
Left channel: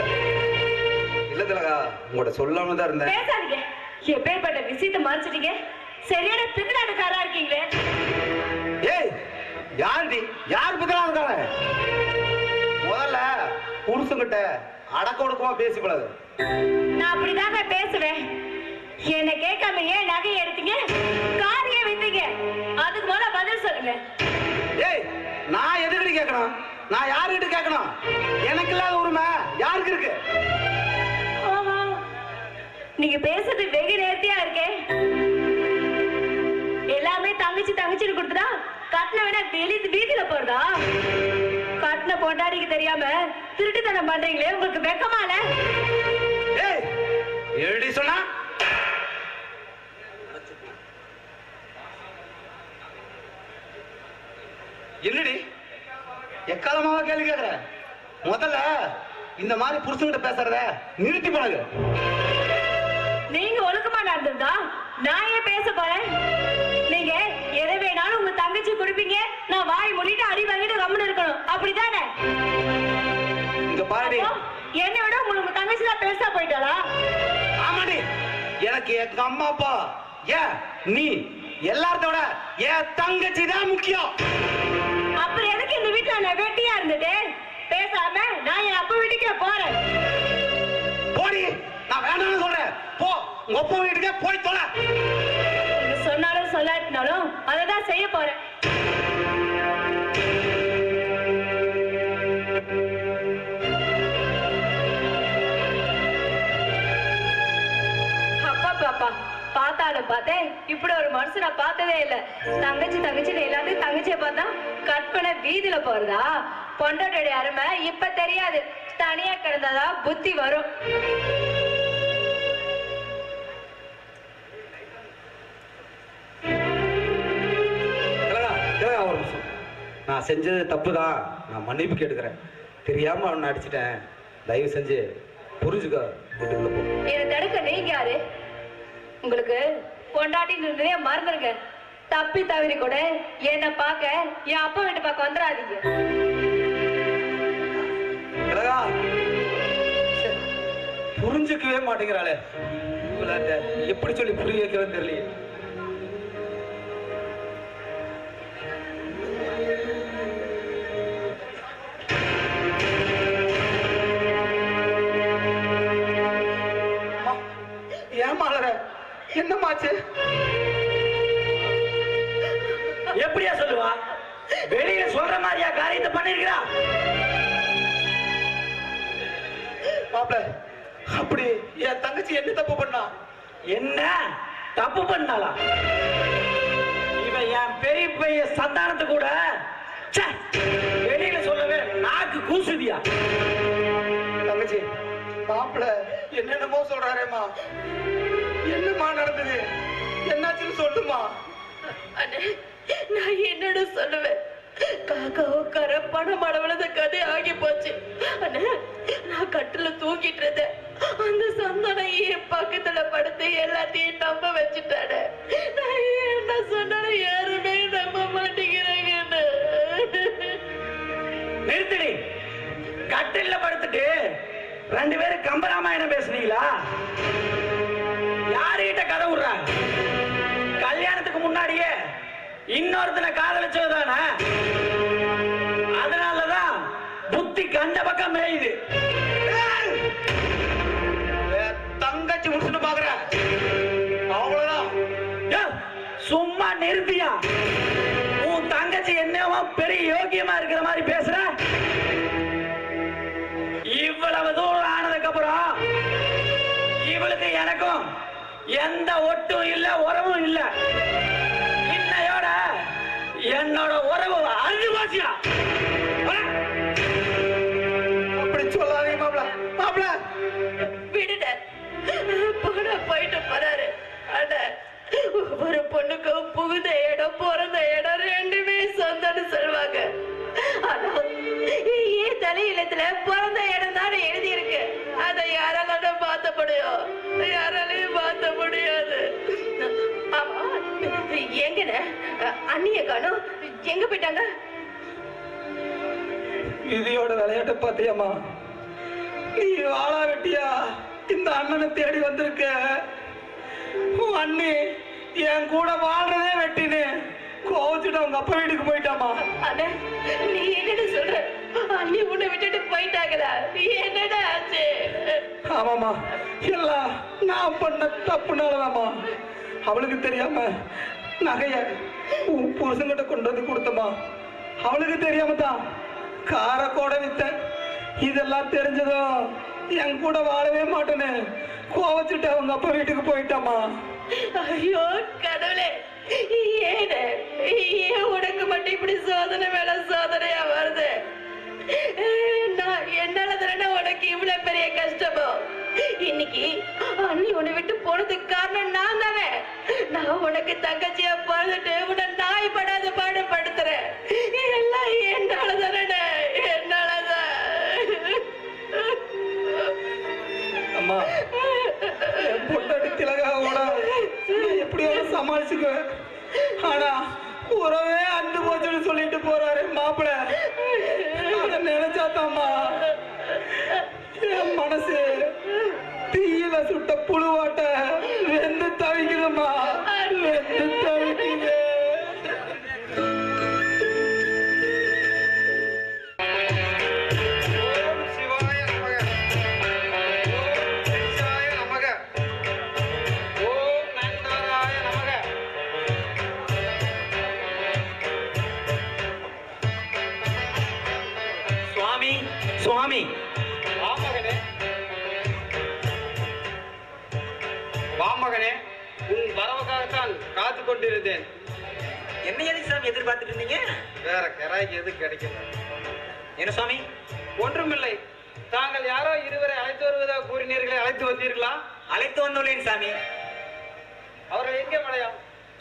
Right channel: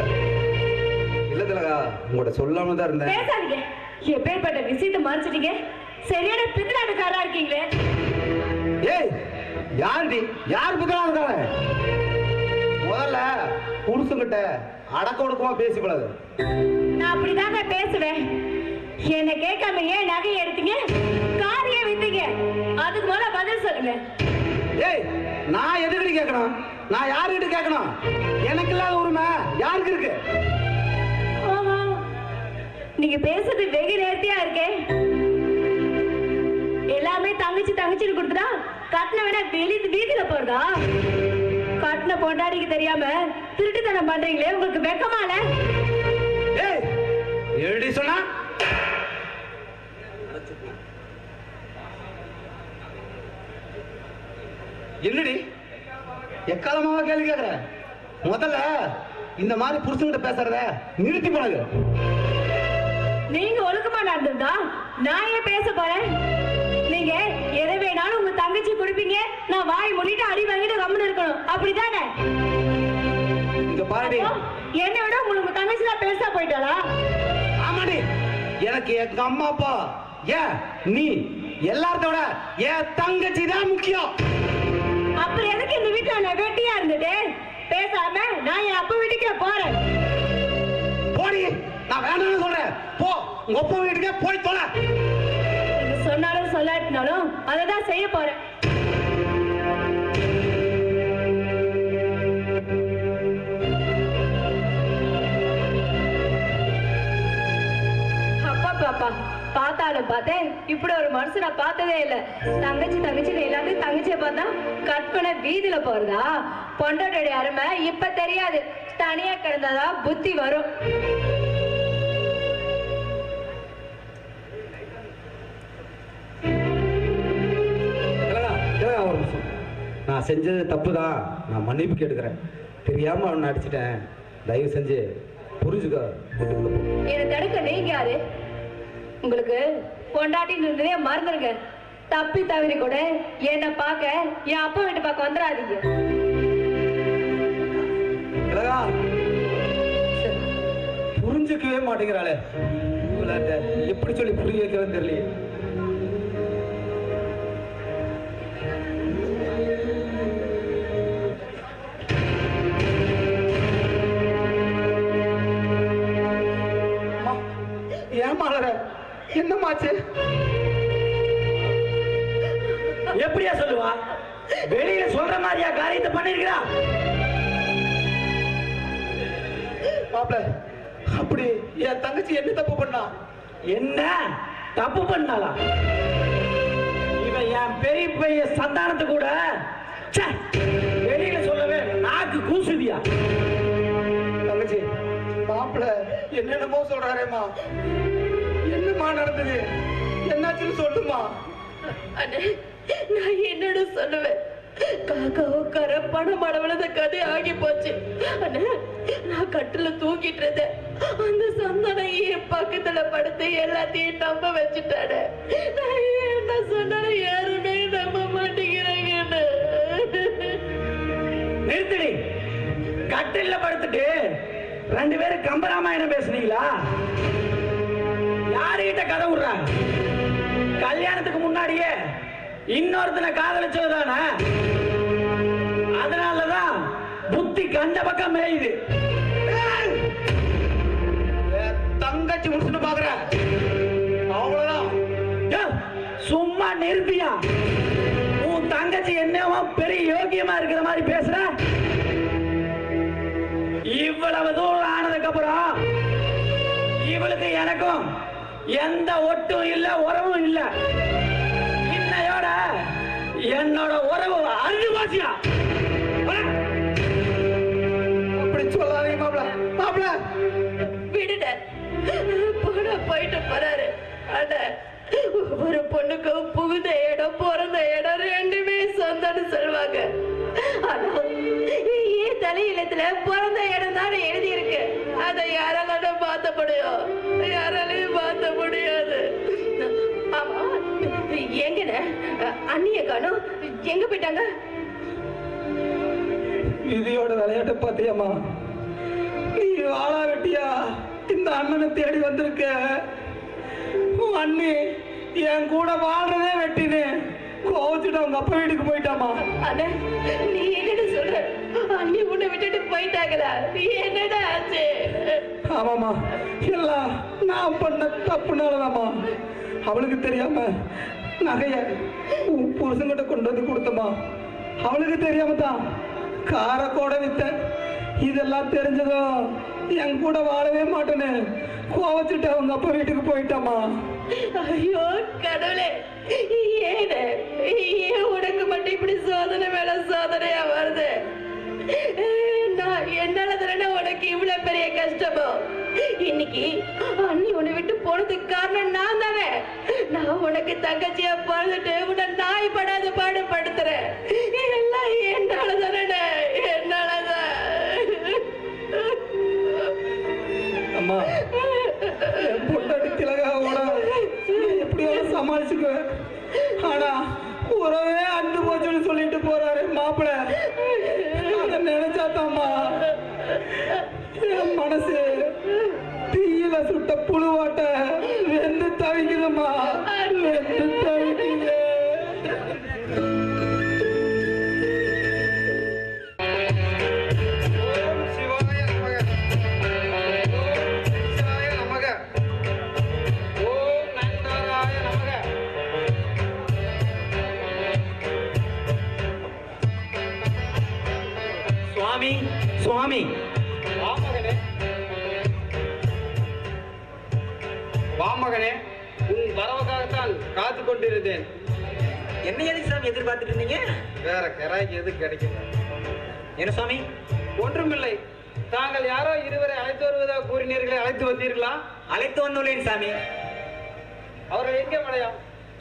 இல்ல திலகா, உங்கள்கிட்ட சொல்லாம தான் இருந்தேன். பேசாதீங்க. எப்பேற்பட்ட விஷயத்தை மறைச்சிட்டீங்க? சரியான பித்தலாட்டுக்காரா இருக்கீங்களே. ஏய், யாருடி? யார் பக்கம் இருக்காங்க? முதல்ல புருஷங்கிட்ட அடக்க ஒடுக்கமா பேசி பழகு. நான் அப்படிதாங்க பேசுவேன். என்ன கேட்காம ஏன் நகையை எடுத்தீங்க? காரியை வித்தீங்க? அதுக்கு மேல பதில் சொல்லுங்க. ஏய், நான் எதுக்கு கேட்கணும்? நான் யாருக்கிட்ட கேட்கணும்? எனக்கு இல்லாத உரிமை யாருக்கு இருக்கு? ஆமா, நீங்க பேசுறது வெகு நேர்த்தியா இருக்கே. எல்லாமே தங்கச்சி தங்கச்சின்னு கொடுத்துட்டா கட்டின விட வீதியில போறதா? கட்டின பொண்டாடிக்கு தெரியாம திருட்டுத்தனம் பண்றீங்களே, உங்களுக்கு வெக்கமால? ஏய், எப்படி சொன்னா? என்னடி எக்காலமாவா கேள்வி கேட்கிற? முதல்ல இந்த மாதிரி புருஷன்கிட்ட பேசுறத நிறுத்தி பழகு. நீங்க ஒழுக்கமா நடந்திருந்தா நான் ஏன் பேச போறேன்? நீங்க எதை வேணாலும் உங்க தங்கச்சி கொடுப்பீங்க, நான் வாய் மூடிட்டு அடி வாங்கிட்டு கம்முன்னு இருக்கணும், அப்படிதானே? இங்க பாருடி. என்னை விட உங்களுக்கு தங்கச்சி தான் பெருசா போயிட்டாளா? ஆமாடி, எனக்கு எங்க அம்மா அப்பா ஏன் நீ எல்லாத்தோட என் தங்கச்சி தான் முக்கியம். அப்புறம் எனக்கு இந்த வீட்டுல நான் வெட்டியா இருந்துட்டு பேசாம நான் என் அப்பா வீட்டுக்கே போறேன். போடி, நான் வேணாம்னு சொல்றேன். போ, உங்க அப்பா வீட்டுக்கே போய் தொலை. சொன்னாலும் சொல்லாட்டினாலும் அததான் செய்ய போறேன். அப்பா பாப்பா பார்த்தாலும் பார்த்தேன், இப்படி ஒரு மனுஷனை பார்த்ததே இல்ல. தங்கச்சி தங்கச்சின்னு எல்லாத்தையும் தங்கச்சியை பார்த்தா கற்பனை வீதியில போறதா? பொண்டாட்டோடைய அருமை இப்ப தெரியாது, தனியா கிடந்ததா புத்தி வரும். நான் செஞ்சது தப்பு தான், நான் மன்னிப்பு கேட்டுக்கிறேன். தெரியாம அவனை அடிச்சிட்டேன், தயவு செஞ்சு புரிஞ்சுக்க. வீட்டுக்குள்ள போ. என்னை தடுக்க நீங்க யாரு? உங்களுக்கு பொண்டாட்டின்னு இருந்ததே மறந்துருங்க. தப்பி தவறி கூட என்ன பார்க்க என் அப்பா வீட்டு பார்க்க வந்துடாதீங்க. புரிஞ்சுக்கவே மாட்டேங்கிறாளே, எப்படி சொல்லி புரிய வைக்கிறேன்னு தெரியல. என்னமாச்சு? எப்படியா சொல்லுவா? வெளியில சொல்ற மாதிரியா காரியத்தை பண்ணிருக்கிறா? மாப்ள, அப்படி என் தங்கச்சி என்ன தப்பு பண்ணா? என்ன தப்பு பண்ணாளா? இவன் என் பெரிய பெரிய சந்தானத்தை கூட வெளியில சொல்லவே நாக்கு கூசுதியா? தங்கச்சி, மாப்ள என்னென்னமோ சொல்றாரேமா, என்னமா நடந்தது? என்னாச்சுன்னு சொல்லுமா. அண்ணே, நான் என்னோட சொல்லுவேன். காக்கா உட்கார பணம் அளவுல கதை ஆகி போச்சு. அண்ணே, நான் கட்டுல தூங்கிட்டு இருந்தேன். அந்த சந்தானம் என் பக்கத்துல படுத்து எல்லாத்தையும் நம்ப வச்சுட்டானே. நான் என்ன சொன்னாலும் யாருமே நம்ப மாட்டேங்கிறாங்க. நிறுத்தடி. கட்டில படுத்துட்டு ரெண்டு பேரும் கம்பராமாயணம் பேசுறீங்களா? யாருகிட்ட கதை விடுற? கல்யாணத்துக்கு முன்னாடியே இன்னொருத்தனை காதலிச்சதுதானே? அதனாலதான் புத்தி கண்ட பக்கம் மேயுது. தங்கச்சி முடிச்சுட்டு பாக்குற அவ்வளவுதான். சும்மா நிறுத்தியா? உன் தங்கச்சி என்னவோ பெரிய யோகியமா இருக்கிற மாதிரி பேசுற. இவ்வளவு தூரம் ஆனதுக்கு அப்புறம் இவளுக்கு எனக்கும் எந்த ஒட்டும் இல்ல, உறவும் இல்ல. இன்னையோட என்னோட உறவு அழிவாசியா? அப்படி சொல்லாதீங்க மாப்ள. மாப்ள விடுட, போன போயிட்டு போறாரு. ஆனா ஒரு பொண்ணுக்கும் புகுந்த இடம் பிறந்த இடம் ரெண்டுமே சொந்தம்னு சொல்லுவாங்க. ஆனா ஏன் தலையிலத்துல பிறந்த இடம் தானே எழுதி இருக்கு. அதை யாராலும் மாத்த முடியும்? யாராலையும் மாத்த முடியாது. எங்கன அண்ணிய காணோம், எங்க போயிட்டாங்க? விதியோட விளையாட்ட பாத்தியம்மா. நீ வாழா வெட்டியா இந்த அண்ணனை தேடி வந்திருக்க. அண்ணி என் கூட வாழ்றதே வெட்டினு கோச்சுட்டு அவங்க அப்பா வீட்டுக்கு போயிட்டாமா. அண்ணா, நீ என்னன்னு சொல்ற? அண்ணி உன்னை விட்டுட்டு போயிட்டாங்களா? என்னடா ஆச்சு? ஆமாமா, எல்லாம் நான் பண்ண தப்புனாலதாமா. அவளுக்கு தெரியாம நகைய உன் புருஷன்கிட்ட கொண்டு வந்து கொடுத்தமா. அவளுக்கு தெரியாம தான் கார கூட வித்த. இதெல்லாம் தெரிஞ்சதும் என் கூட வாழவே மாட்டேன்னு கோவச்சுட்டு அவங்க அப்பா வீட்டுக்கு போயிட்டாமா. ஐயோ கடவுளே, ஏன் உனக்கு மட்டும் இப்படி சோதனை மேல சோதனையா வருது? என்னால தானே உனக்கு இவ்வளவு பெரிய கஷ்டமோ? இன்னைக்கு அண்ணி உன்னை விட்டு போனதுக்கு காரணம் நான் தானே. நான் உனக்கு தங்கச்சியா பிறந்துட்டு உன்னை நாய் படாத பாடுபடுத்துறேன். எல்லாம் என்னால தானே, என்னாலதான். அம்மா, என் பொண்டாட்டி திலகாவோட எப்படியாவது சமாளிச்சுக்குவேன். ஆனா உறவே அண்டு போச்சுன்னு சொல்லிட்டு போறாரு மாப்பிள்ள. அதை நினைச்சாத்தாம்மா என் மனசு தீய தீயில சுட்ட புழுவாட்ட வெந்து தவிக்குதுமா, வெந்து தவிக்குது. ஓம் சிவாய நமக. ஓம் சிவாய நமக. ஓம் நந்தனாய நமக. சுவாமி சுவாமி வாமகனே, வாமகனே, உன் வரவுக்காகத்தான் காத்து கொண்டிருந்தேன். என்ன எதுக்கு சாமி எதிர்பார்த்துட்டு இருந்தீங்க? வேற கராய்க்கு எது கிடைக்கல. என்ன சுவாமி? ஒன்றுமில்லை. தாங்கள் யாரோ இருவரை அழைத்து வருவதாக கூறினீர்களே, அழைத்து வந்தீர்களா? அழைத்து வந்துள்ளேன் சாமி. அவர்கள் எங்கே மலையா?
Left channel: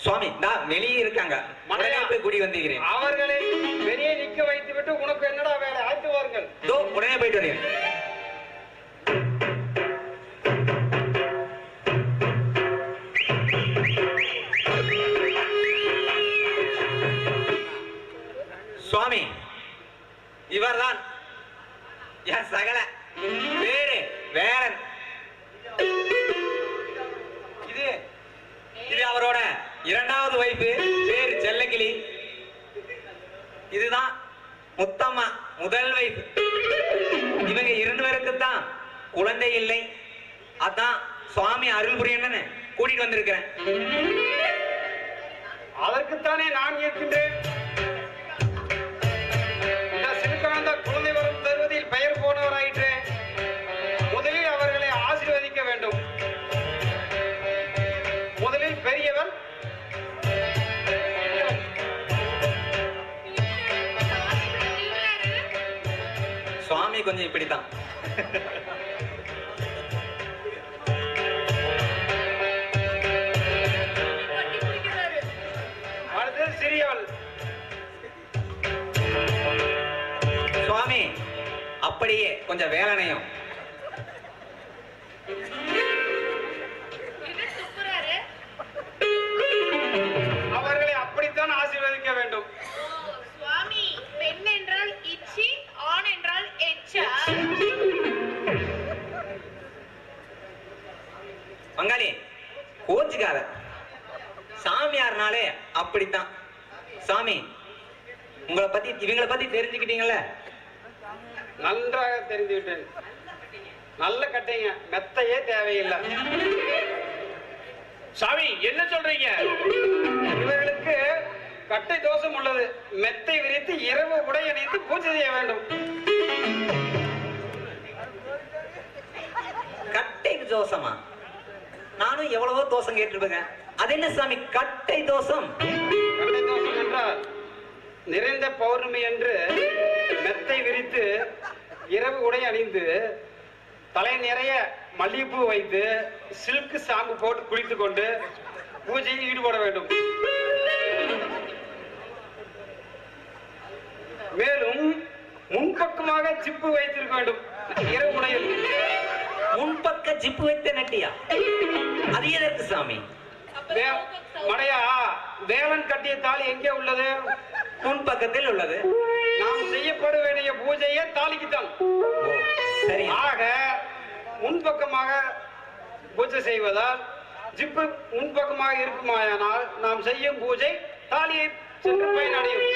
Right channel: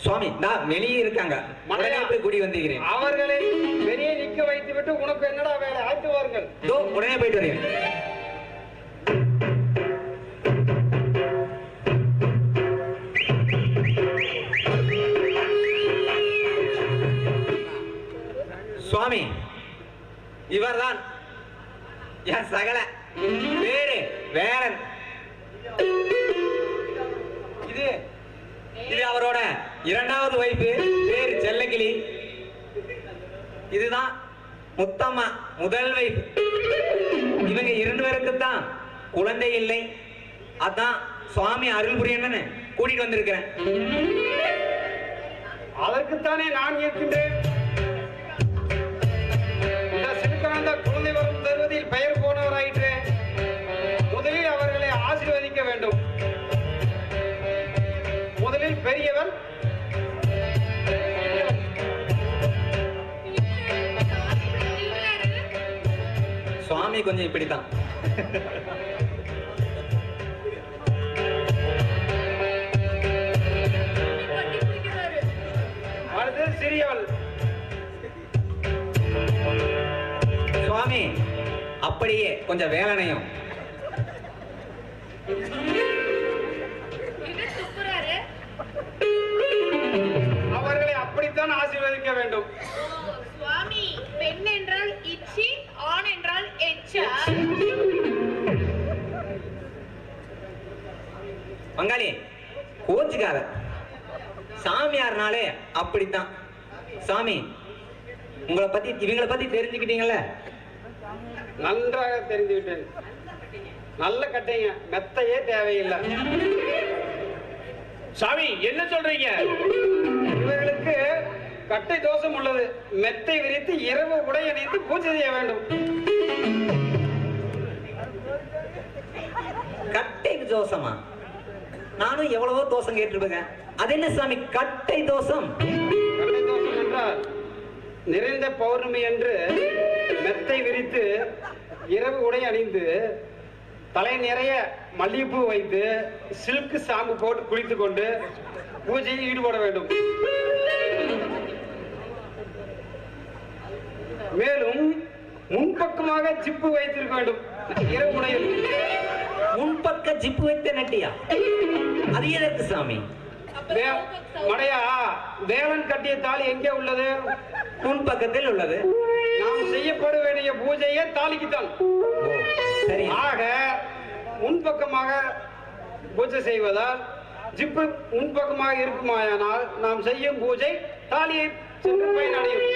சுவாமி நான் வெளியே இருக்காங்க, உடனே போய் கூடி வந்திருக்கிறேன். அவர்களை வெளியே நிக்க வைத்து விட்டு உனக்கு என்னடா வேலை? அழைத்து வாருங்கள். இதோ உடனே போயிட்டு வரேன். சுவாமி இவர்தான் என் சகல பேரு வேலன். இது இது அவரோட இரண்டாவது வைப்பு, பேரு செல்லக்கிளி. இதுதான் முத்தம்மா முதல் வைப்பு. இவங்க இரண்டு பேருக்குத்தான் குழந்தை இல்லை. அதான் சுவாமி அருள் புரியணும்னு கூட்டிட்டு வந்திருக்கிறேன். அதற்குத்தானே நான் இருக்கின்றேன். இந்த சிறுகாந்த குழந்தை வரும் தருவதில் பெயர் போனவராயிற்று. முதலில் அவர்களை ஆசீர்வதிக்க வேண்டும். முதலில் பெரியவர் சுவாமி கொஞ்சம் இப்படித்தான். அடுத்து சிறியவள். சுவாமி அப்படியே கொஞ்சம் வேலனையும். இது துப்புறாரு. அவர்களை அப்படித்தான் ஆசீர்வதிக்க வேண்டும். ஓ, சுவாமி, பெண் என்றால் இச்சி, ஆண் என்றால் எச்சா? பங்காளி கோச்சுக்காத, சாமியார்னாலே அப்படித்தான். சாமி உங்களை பத்தி இவங்களை பத்தி தெரிஞ்சுக்கிட்டீங்கல்ல? நன்றாக தெரிந்துவிட்டேன். நல்ல கட்டைங்க, மெத்தையே தேவையில்லை. சாமி என்ன சொல்றீங்க? இவர்களுக்கு கட்டை தோஷம் உள்ளது. மெத்தை விரித்து இரவு உடை அணிந்து பூஜை செய்ய வேண்டும். கட்டை தோசமா? நானும் எவ்வளவோ தோசம் கேட்டிருப்பேன். அது என்ன சாமி கட்டை தோசம்? கட்டை தோஷம் என்றால் நிறைந்த பௌர்ணமி என்று மெத்தை விரித்து இரவு உடை அணிந்து தலை நிறைய மல்லிகைப்பூ வைத்து சில்க் ஷாம்பு போட்டு குளித்துக் கொண்டு பூஜையில் ஈடுபட வேண்டும். மேலும் முன்பக்கமாக ஜிப்பு வைத்திருக்க வேண்டும் இரவு உடையில். முன்பக்க ஜிப்பு வைத்த நட்டியா? அது எதற்கு சாமி? மடையா, தேவன் கட்டிய தாலி எங்கே உள்ளது? முன்பக்கத்தில் உள்ளது. நாம் செய்யப்பட வேண்டிய பூஜையே தாலிக்குத்தான். சரி. ஆக முன்பக்கமாக பூஜை செய்வதால் ஜிப்பு முன்பக்கமாக இருக்குமாயானால் நாம் செய்யும் பூஜை தாலியை சென்று பயனடையும்.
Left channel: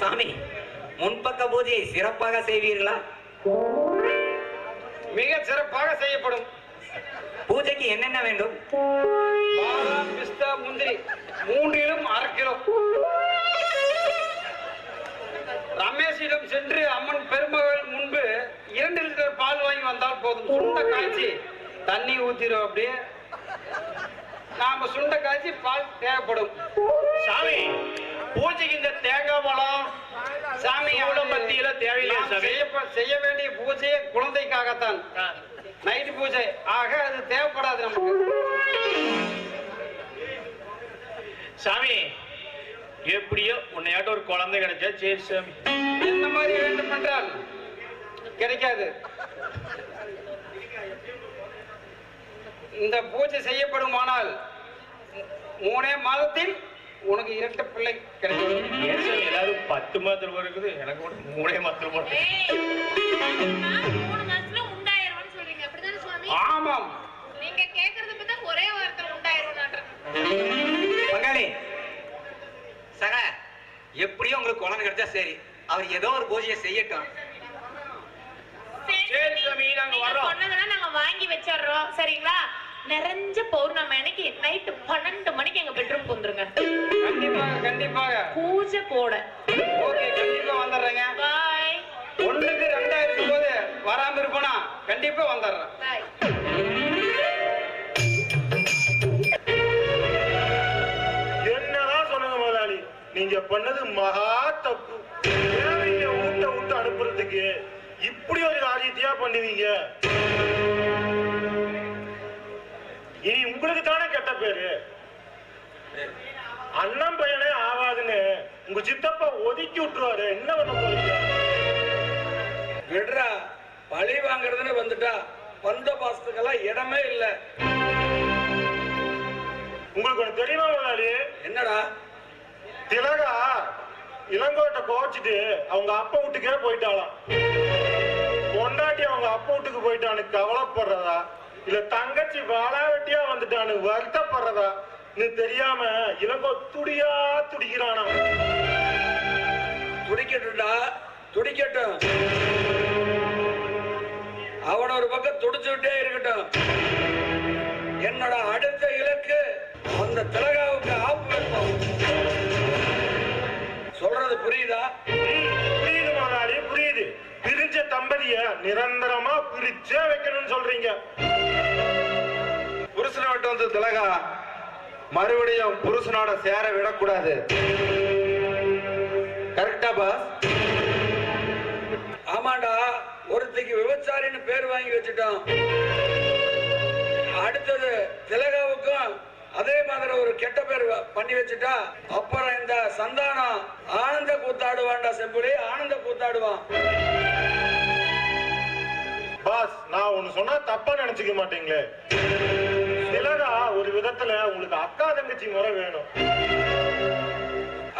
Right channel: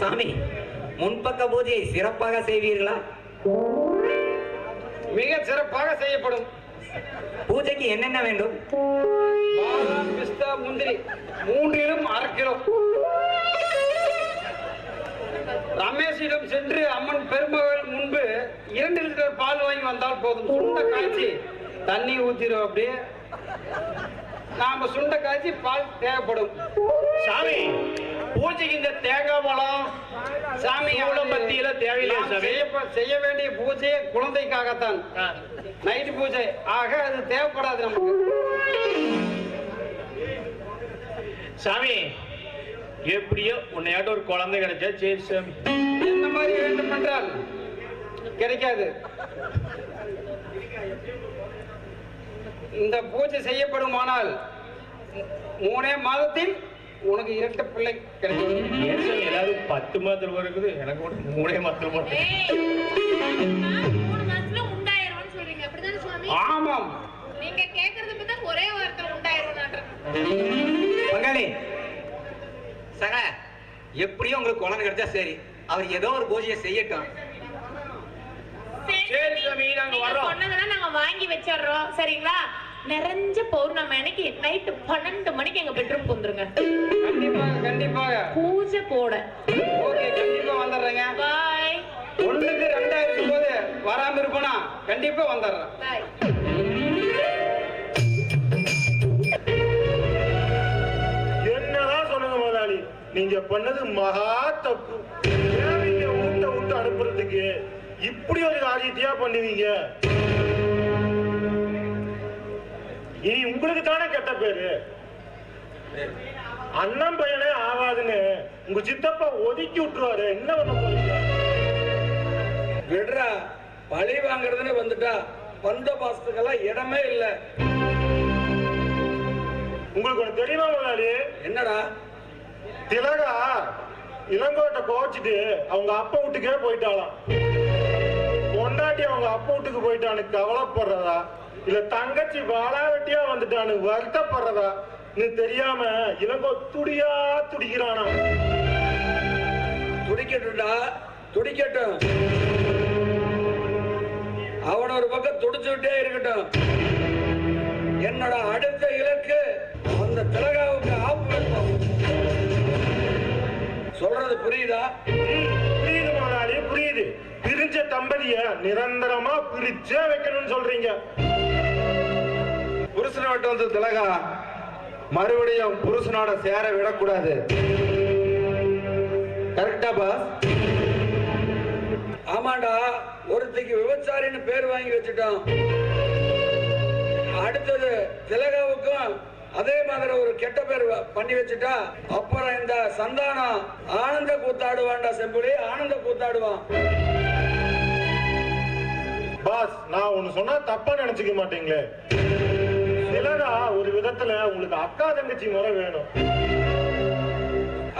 சாமி முன்பக்க பூஜையை சிறப்பாக செய்வீர்களா? மிக சிறப்பாக செய்யப்படும். பூஜைக்கு என்னென்ன வேண்டும்? பாதாம், பிஸ்தா, முந்திரி மூன்றிலும் 1/2 கிலோ. ரமேஷிடம் சென்று அம்மன் பெருமகள் முன்பு 2 லிட்டர் பால் வாங்கி வந்தால் போதும். சுண்ட காய்ச்சி தண்ணி ஊத்திரும். அப்படியே நாம சுண்ட காய்ச்சி பால் தேவைப்படும். சாமி பூஜைக்கு இந்த தேங்காய் பழம் சாமி பத்தியில தேவையில்லையா சாமி? செய்ய வேண்டிய பூஜை குழந்தைக்காகத்தான், நைட் பூஜை. ஆக அது தேவைப்படாது நமக்கு. சாமி எப்படியோ உன்னையாட்ட ஒரு குழந்தை கிடைச்சா சரி சாமி. என்ன மாதிரி வேண்டும் என்றால் கிடைக்காது. இந்த பூஜை செய்யப்படுமானால் 3 மாதத்தில் உனக்கு 2 பிள்ளை கிடைக்கும். ஏன் சாமி எல்லாரும் 10 மாதத்துல இருக்குது, எனக்கு மட்டும் 3 மாதத்துல போட்டு. ஏய், 3 மாசத்துல உண்டாயிரும்னு சொல்றீங்க, அப்படிதானே சுவாமி? ஆமாம், ஒரே வாரத்துல உண்டாயிருவான். பங்காளி சக எப்படியும் உங்களுக்கு குழந்தை கிடைச்சா சரி, அவர் ஏதோ ஒரு பூஜையை செய்யட்டும். சரி சாமி, நாங்க வர்றோம். சொன்னதெல்லாம் நாங்க வாங்கி வச்சிடுறோம், சரிங்களா? நிறைஞ்ச பௌர்ணமி அன்னைக்கு நைட்டு 12 மணிக்கு எங்க பெட்ரூம் வந்துருங்க. கண்டிப்பாக கண்டிப்பாக. பூஜை போட. ஓகே, கண்டிப்பா வந்துடுறேங்க. பாய். 1க்கு 2 இருக்கும்போது வராம இருப்போனா கண்டிப்பா வந்துடுறேன். பாய். என்னதான் சொன்னது முதலாளி, நீங்க பண்ணது மகா தப்பு. தேவையை ஊட்ட விட்டு அனுப்புறதுக்கு இப்படி ஒரு காரியத்தையா பண்ணுவீங்க? இனி உங்களுக்கு தானே கெட்ட பேரு. அண்ணன் பையனே ஆவாதுன்னு உங்க சித்தப்பா ஒதுக்கி விட்டுருவாரு. என்ன பண்ண போறீங்க? விடுறா, பழி வாங்குறதுன்னு வந்துட்டா வந்த பாசத்துக்கெல்லாம் இடமே இல்ல. உங்களுக்கு ஒண்ணு தெரியுமா முதலாளி? என்னடா? திலகா இளங்கோட்டை கோச்சிட்டு அவங்க அப்பா வீட்டுக்கே போயிட்டாளாம். பொண்டாட்டி அவங்க அப்பா வீட்டுக்கு போயிட்டான்னு கவலைப்படுறதா, இல்ல தங்கச்சி வாழாவட்டியா வந்துட்டான்னு வருத்தப்படுறதா தெரியாம இளங்கோ துடியா துடிக்கிறானா. துடிக்கட்டும்டா, துடிக்கட்டும். அவன் ஒரு பக்கம் துடிச்சுட்டே இருக்கட்டும். என்னோட அடுத்த இலக்கு அந்த திலகாவுக்கு ஆப்பு வைப்போம். சொல்றது புரியுதா? புரியுது முதலாளி, புரியுது. பிரிஞ்ச தம்பதிய நிரந்தரமா பிரிச்சே வைக்கணும்னு சொல்றீங்க. புருஷனை விட்டு வந்து திலகா மறுபடியும் புருஷனோட சேர விடக்கூடாது. கரெக்டா பாஸ்? ஆமாண்டா, ஒருத்திக்கு விபச்சாரின்னு பேர் வாங்கி வச்சுட்டோம். அடுத்தது திலகாவுக்கும் அதே மாதிரி ஒரு கெட்ட பேர் பண்ணி வச்சுட்டா அப்புறம் இந்த சந்தானம் ஆனந்த கூத்தாடுவான்டா. செம்புலி ஆனந்த கூத்தாடுவான். பாஸ், நான் ஒண்ணு சொன்னா தப்பா நினைச்சுக்க மாட்டீங்களே. திலகா ஒரு விதத்துல உங்களுக்கு அக்கா தங்கச்சி முறை வேணும்.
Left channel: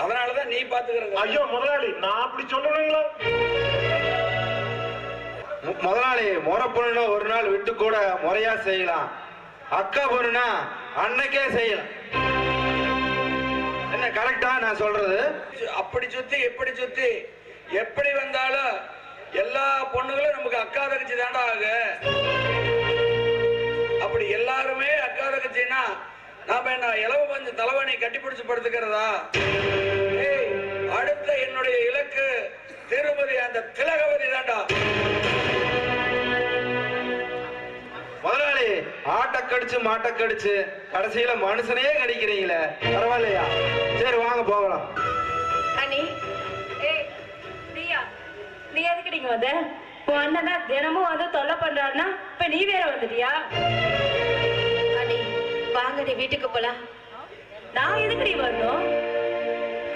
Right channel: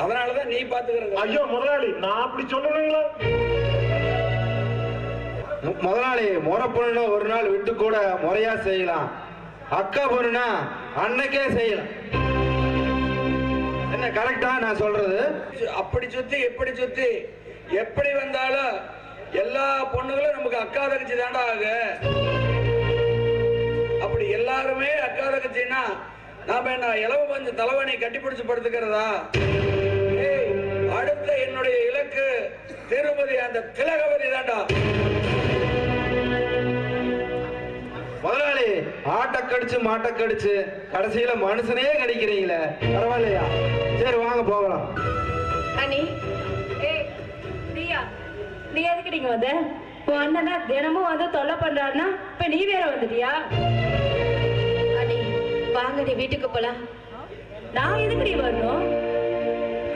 அதனாலதான் நீ பாத்துக்கிறது. ஐயோ முதலாளி, நான் அப்படி சொல்லணுங்களா? முதலாளி, முறை பொண்ணுனா ஒரு நாள் விட்டு கூட முறையா செய்யலாம். அக்கா பொண்ணுனா அன்னைக்கே செய்யலாம். என்ன கரெக்டா நான் சொல்றது? அப்படி சுத்தி எப்படி சுத்தி எப்படி வந்தாலும் எல்லா பொண்ணுகளும் நமக்கு அக்கா தங்கச்சி தாண்டா ஆகு. அப்படி எல்லாருமே அக்கா தங்கச்சின்னா நாம என்ன இலவ பஞ்சு தலைவனை கட்டிப்பிடிச்சு படுத்துக்கிறதா? அடுத்த என்னுடைய இலக்கு திருமதி அந்த திலகவதி தாண்டா. முதலாளி, ஆட்ட கடிச்சு மாட்ட கடிச்சு கடைசியில மனுஷனையே கடிக்கிறீங்களே, பரவாயில்லையா? சரி வாங்க போகலாம். அண்ணி, ஏய் பிரியா, நீ எதுக்கு நீங்க வந்த? உன் அண்ணனா தினமும் வந்து தொல்லை பண்றாருன்னா இப்ப நீ வேற வந்துட்டியா? அண்ணி வாங்க, நீ வீட்டுக்கு போலாம். நான் எதுக்கு நீ வரணும்?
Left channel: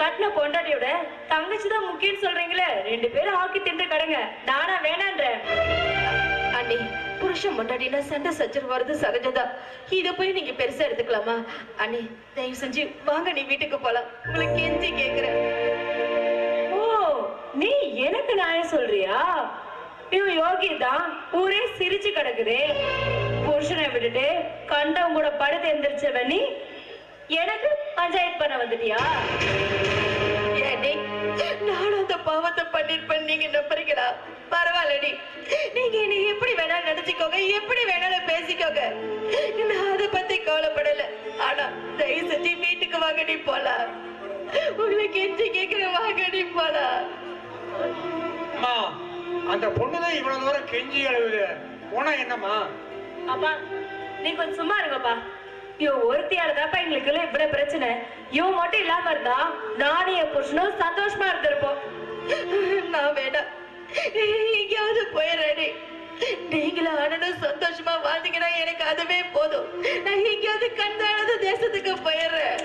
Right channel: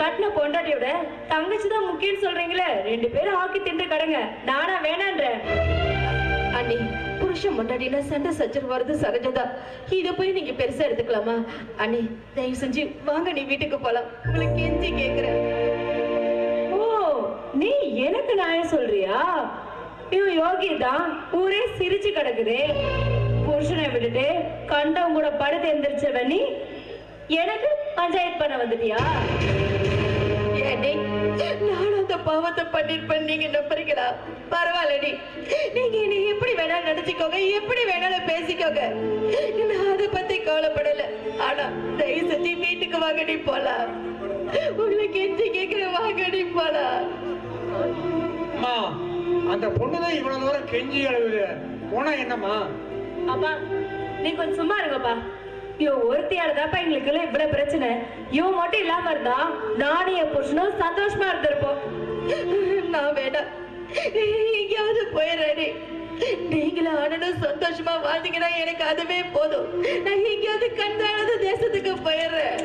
கட்டின பொண்டாட்டியோட தங்கச்சி தான் முக்கியம் சொல்றீங்களே, 2 பேரும் ஆக்கி தின்று கடங்க. நானா வேணான்றேன்? அண்ணி, புருஷன் பொண்டாட்டினா சண்டை சச்சரவு வருது சகஜதா. இத போய் நீங்க பெருசா எடுத்துக்கலாமா? அண்ணி தயவு செஞ்சு வாங்க, நீ வீட்டுக்கு போலாம். உங்களுக்கு கெஞ்சி கேக்குறேன். ஓ, நீ எனக்கு நியாயம் சொல்றியா? இவன் யோகி தான் ஊரே சிரிச்சு கிடக்குது. புருஷனை விட்டுட்டு கண்டவங்க கூட படுத்து எந்திரிச்சவன் நீ எனக்கு பஞ்சாயத்து பண்ண வந்துட்டியா? ஏடி, நானும் அந்த பாவத்தை பண்ணிருப்பேன் நீங்க நம்புறீங்களா? பரவாயில்லடி, நீங்க என்னை எப்படி வேணாலும் நினைச்சுக்கோங்க, எப்படி வேணாலும் பேசிக்கோங்க. நான் அதை பத்தி கவலைப்படல. ஆனா தயவு செஞ்சு வீட்டுக்கு வாங்கடி போலாம். உங்களுக்கு எஞ்சி கேட்கிற வாங்கடி போலாம். அம்மா, அந்த பொண்ணுதான் இவ்வளவு தூரம் கெஞ்சி அழுவுது, போனா என்னம்மா? அப்பா நீ கொஞ்சம் சும்மா இருங்கப்பா. இவன் ஒருத்தியாலதாப்பா எங்களுக்கு இவ்வளவு பிரச்சனை. இவன் மட்டும் இல்லாம இருந்தா நானும் என் புருஷனும் சந்தோஷமா இருந்திருப்போம். நான் வேண்டாம், எங்கேயாவது போயிடுறேன். நீங்களும் ஆனனும் சந்தோஷமா வாழ்ந்தீங்கன்னா எனக்கு அதுவே போதும். நான் எங்கேயாவது கண்டானது தேசத்துக்கு போயிடுறேன்.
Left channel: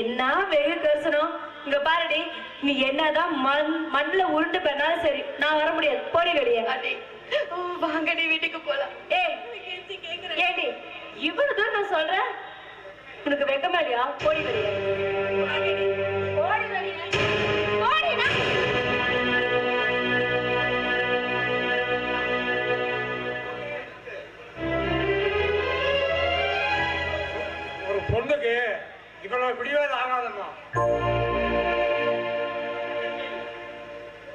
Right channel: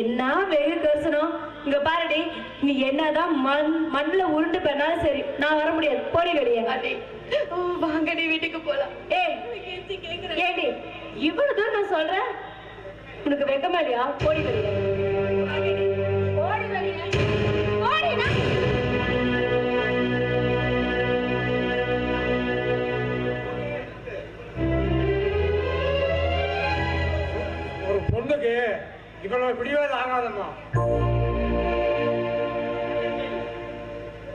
என்ன வெகு கரிசனம். இங்க பாருடி, நீ என்னதான் மண்ணுல உருண்டு பண்ணாலும் சரி, நான் வர முடியாது. போடி வெளியே. வாங்கடி வீட்டுக்கு போலாம். ஏடி, இவ்வளவு தூரம் நான் சொல்றேன், உனக்கு வெக்கமா இல்லையா? போடி வெளியே. போடி வெளியே. போடினா ஒரு பொண்ணுக்கு இவ்வளவு பிடிவாதம் ஆகாதம்மா.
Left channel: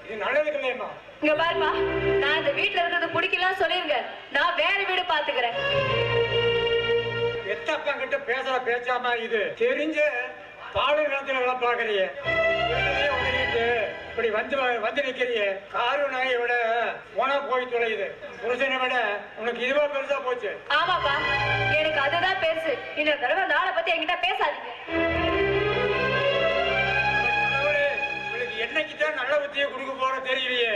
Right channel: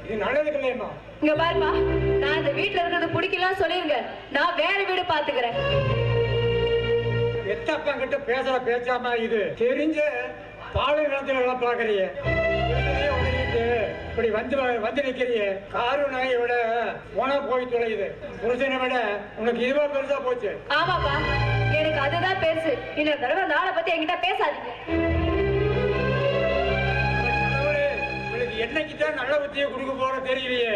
இது நல்லதுக்கு இல்லையம்மா. இங்க பாருமா, நான் இந்த வீட்டுல இருக்கிறது பிடிக்கலாம் சொல்லிருங்க, நான் வேற வீடு பாத்துக்கிறேன். எத்தப்பன் கிட்ட பேசுற பேச்சாம இது தெரிஞ்ச பாலைவனத்துல எல்லாம் பாக்குறிய இப்படி வந்து நிக்கிறிய. காரு நாயை விட உன போய் தொலையுது, புருஷனை விட உனக்கு இதுவா பெருசா போச்சு. ஆமாப்பா, எனக்கு அதுதான் பெருசு. இன்னொரு தடவை அந்த ஆளை பத்தி என்கிட்ட பேசாதீங்க. என்னைக்குதான் நல்ல புத்தியை கொடுக்க போற தெரியலையே.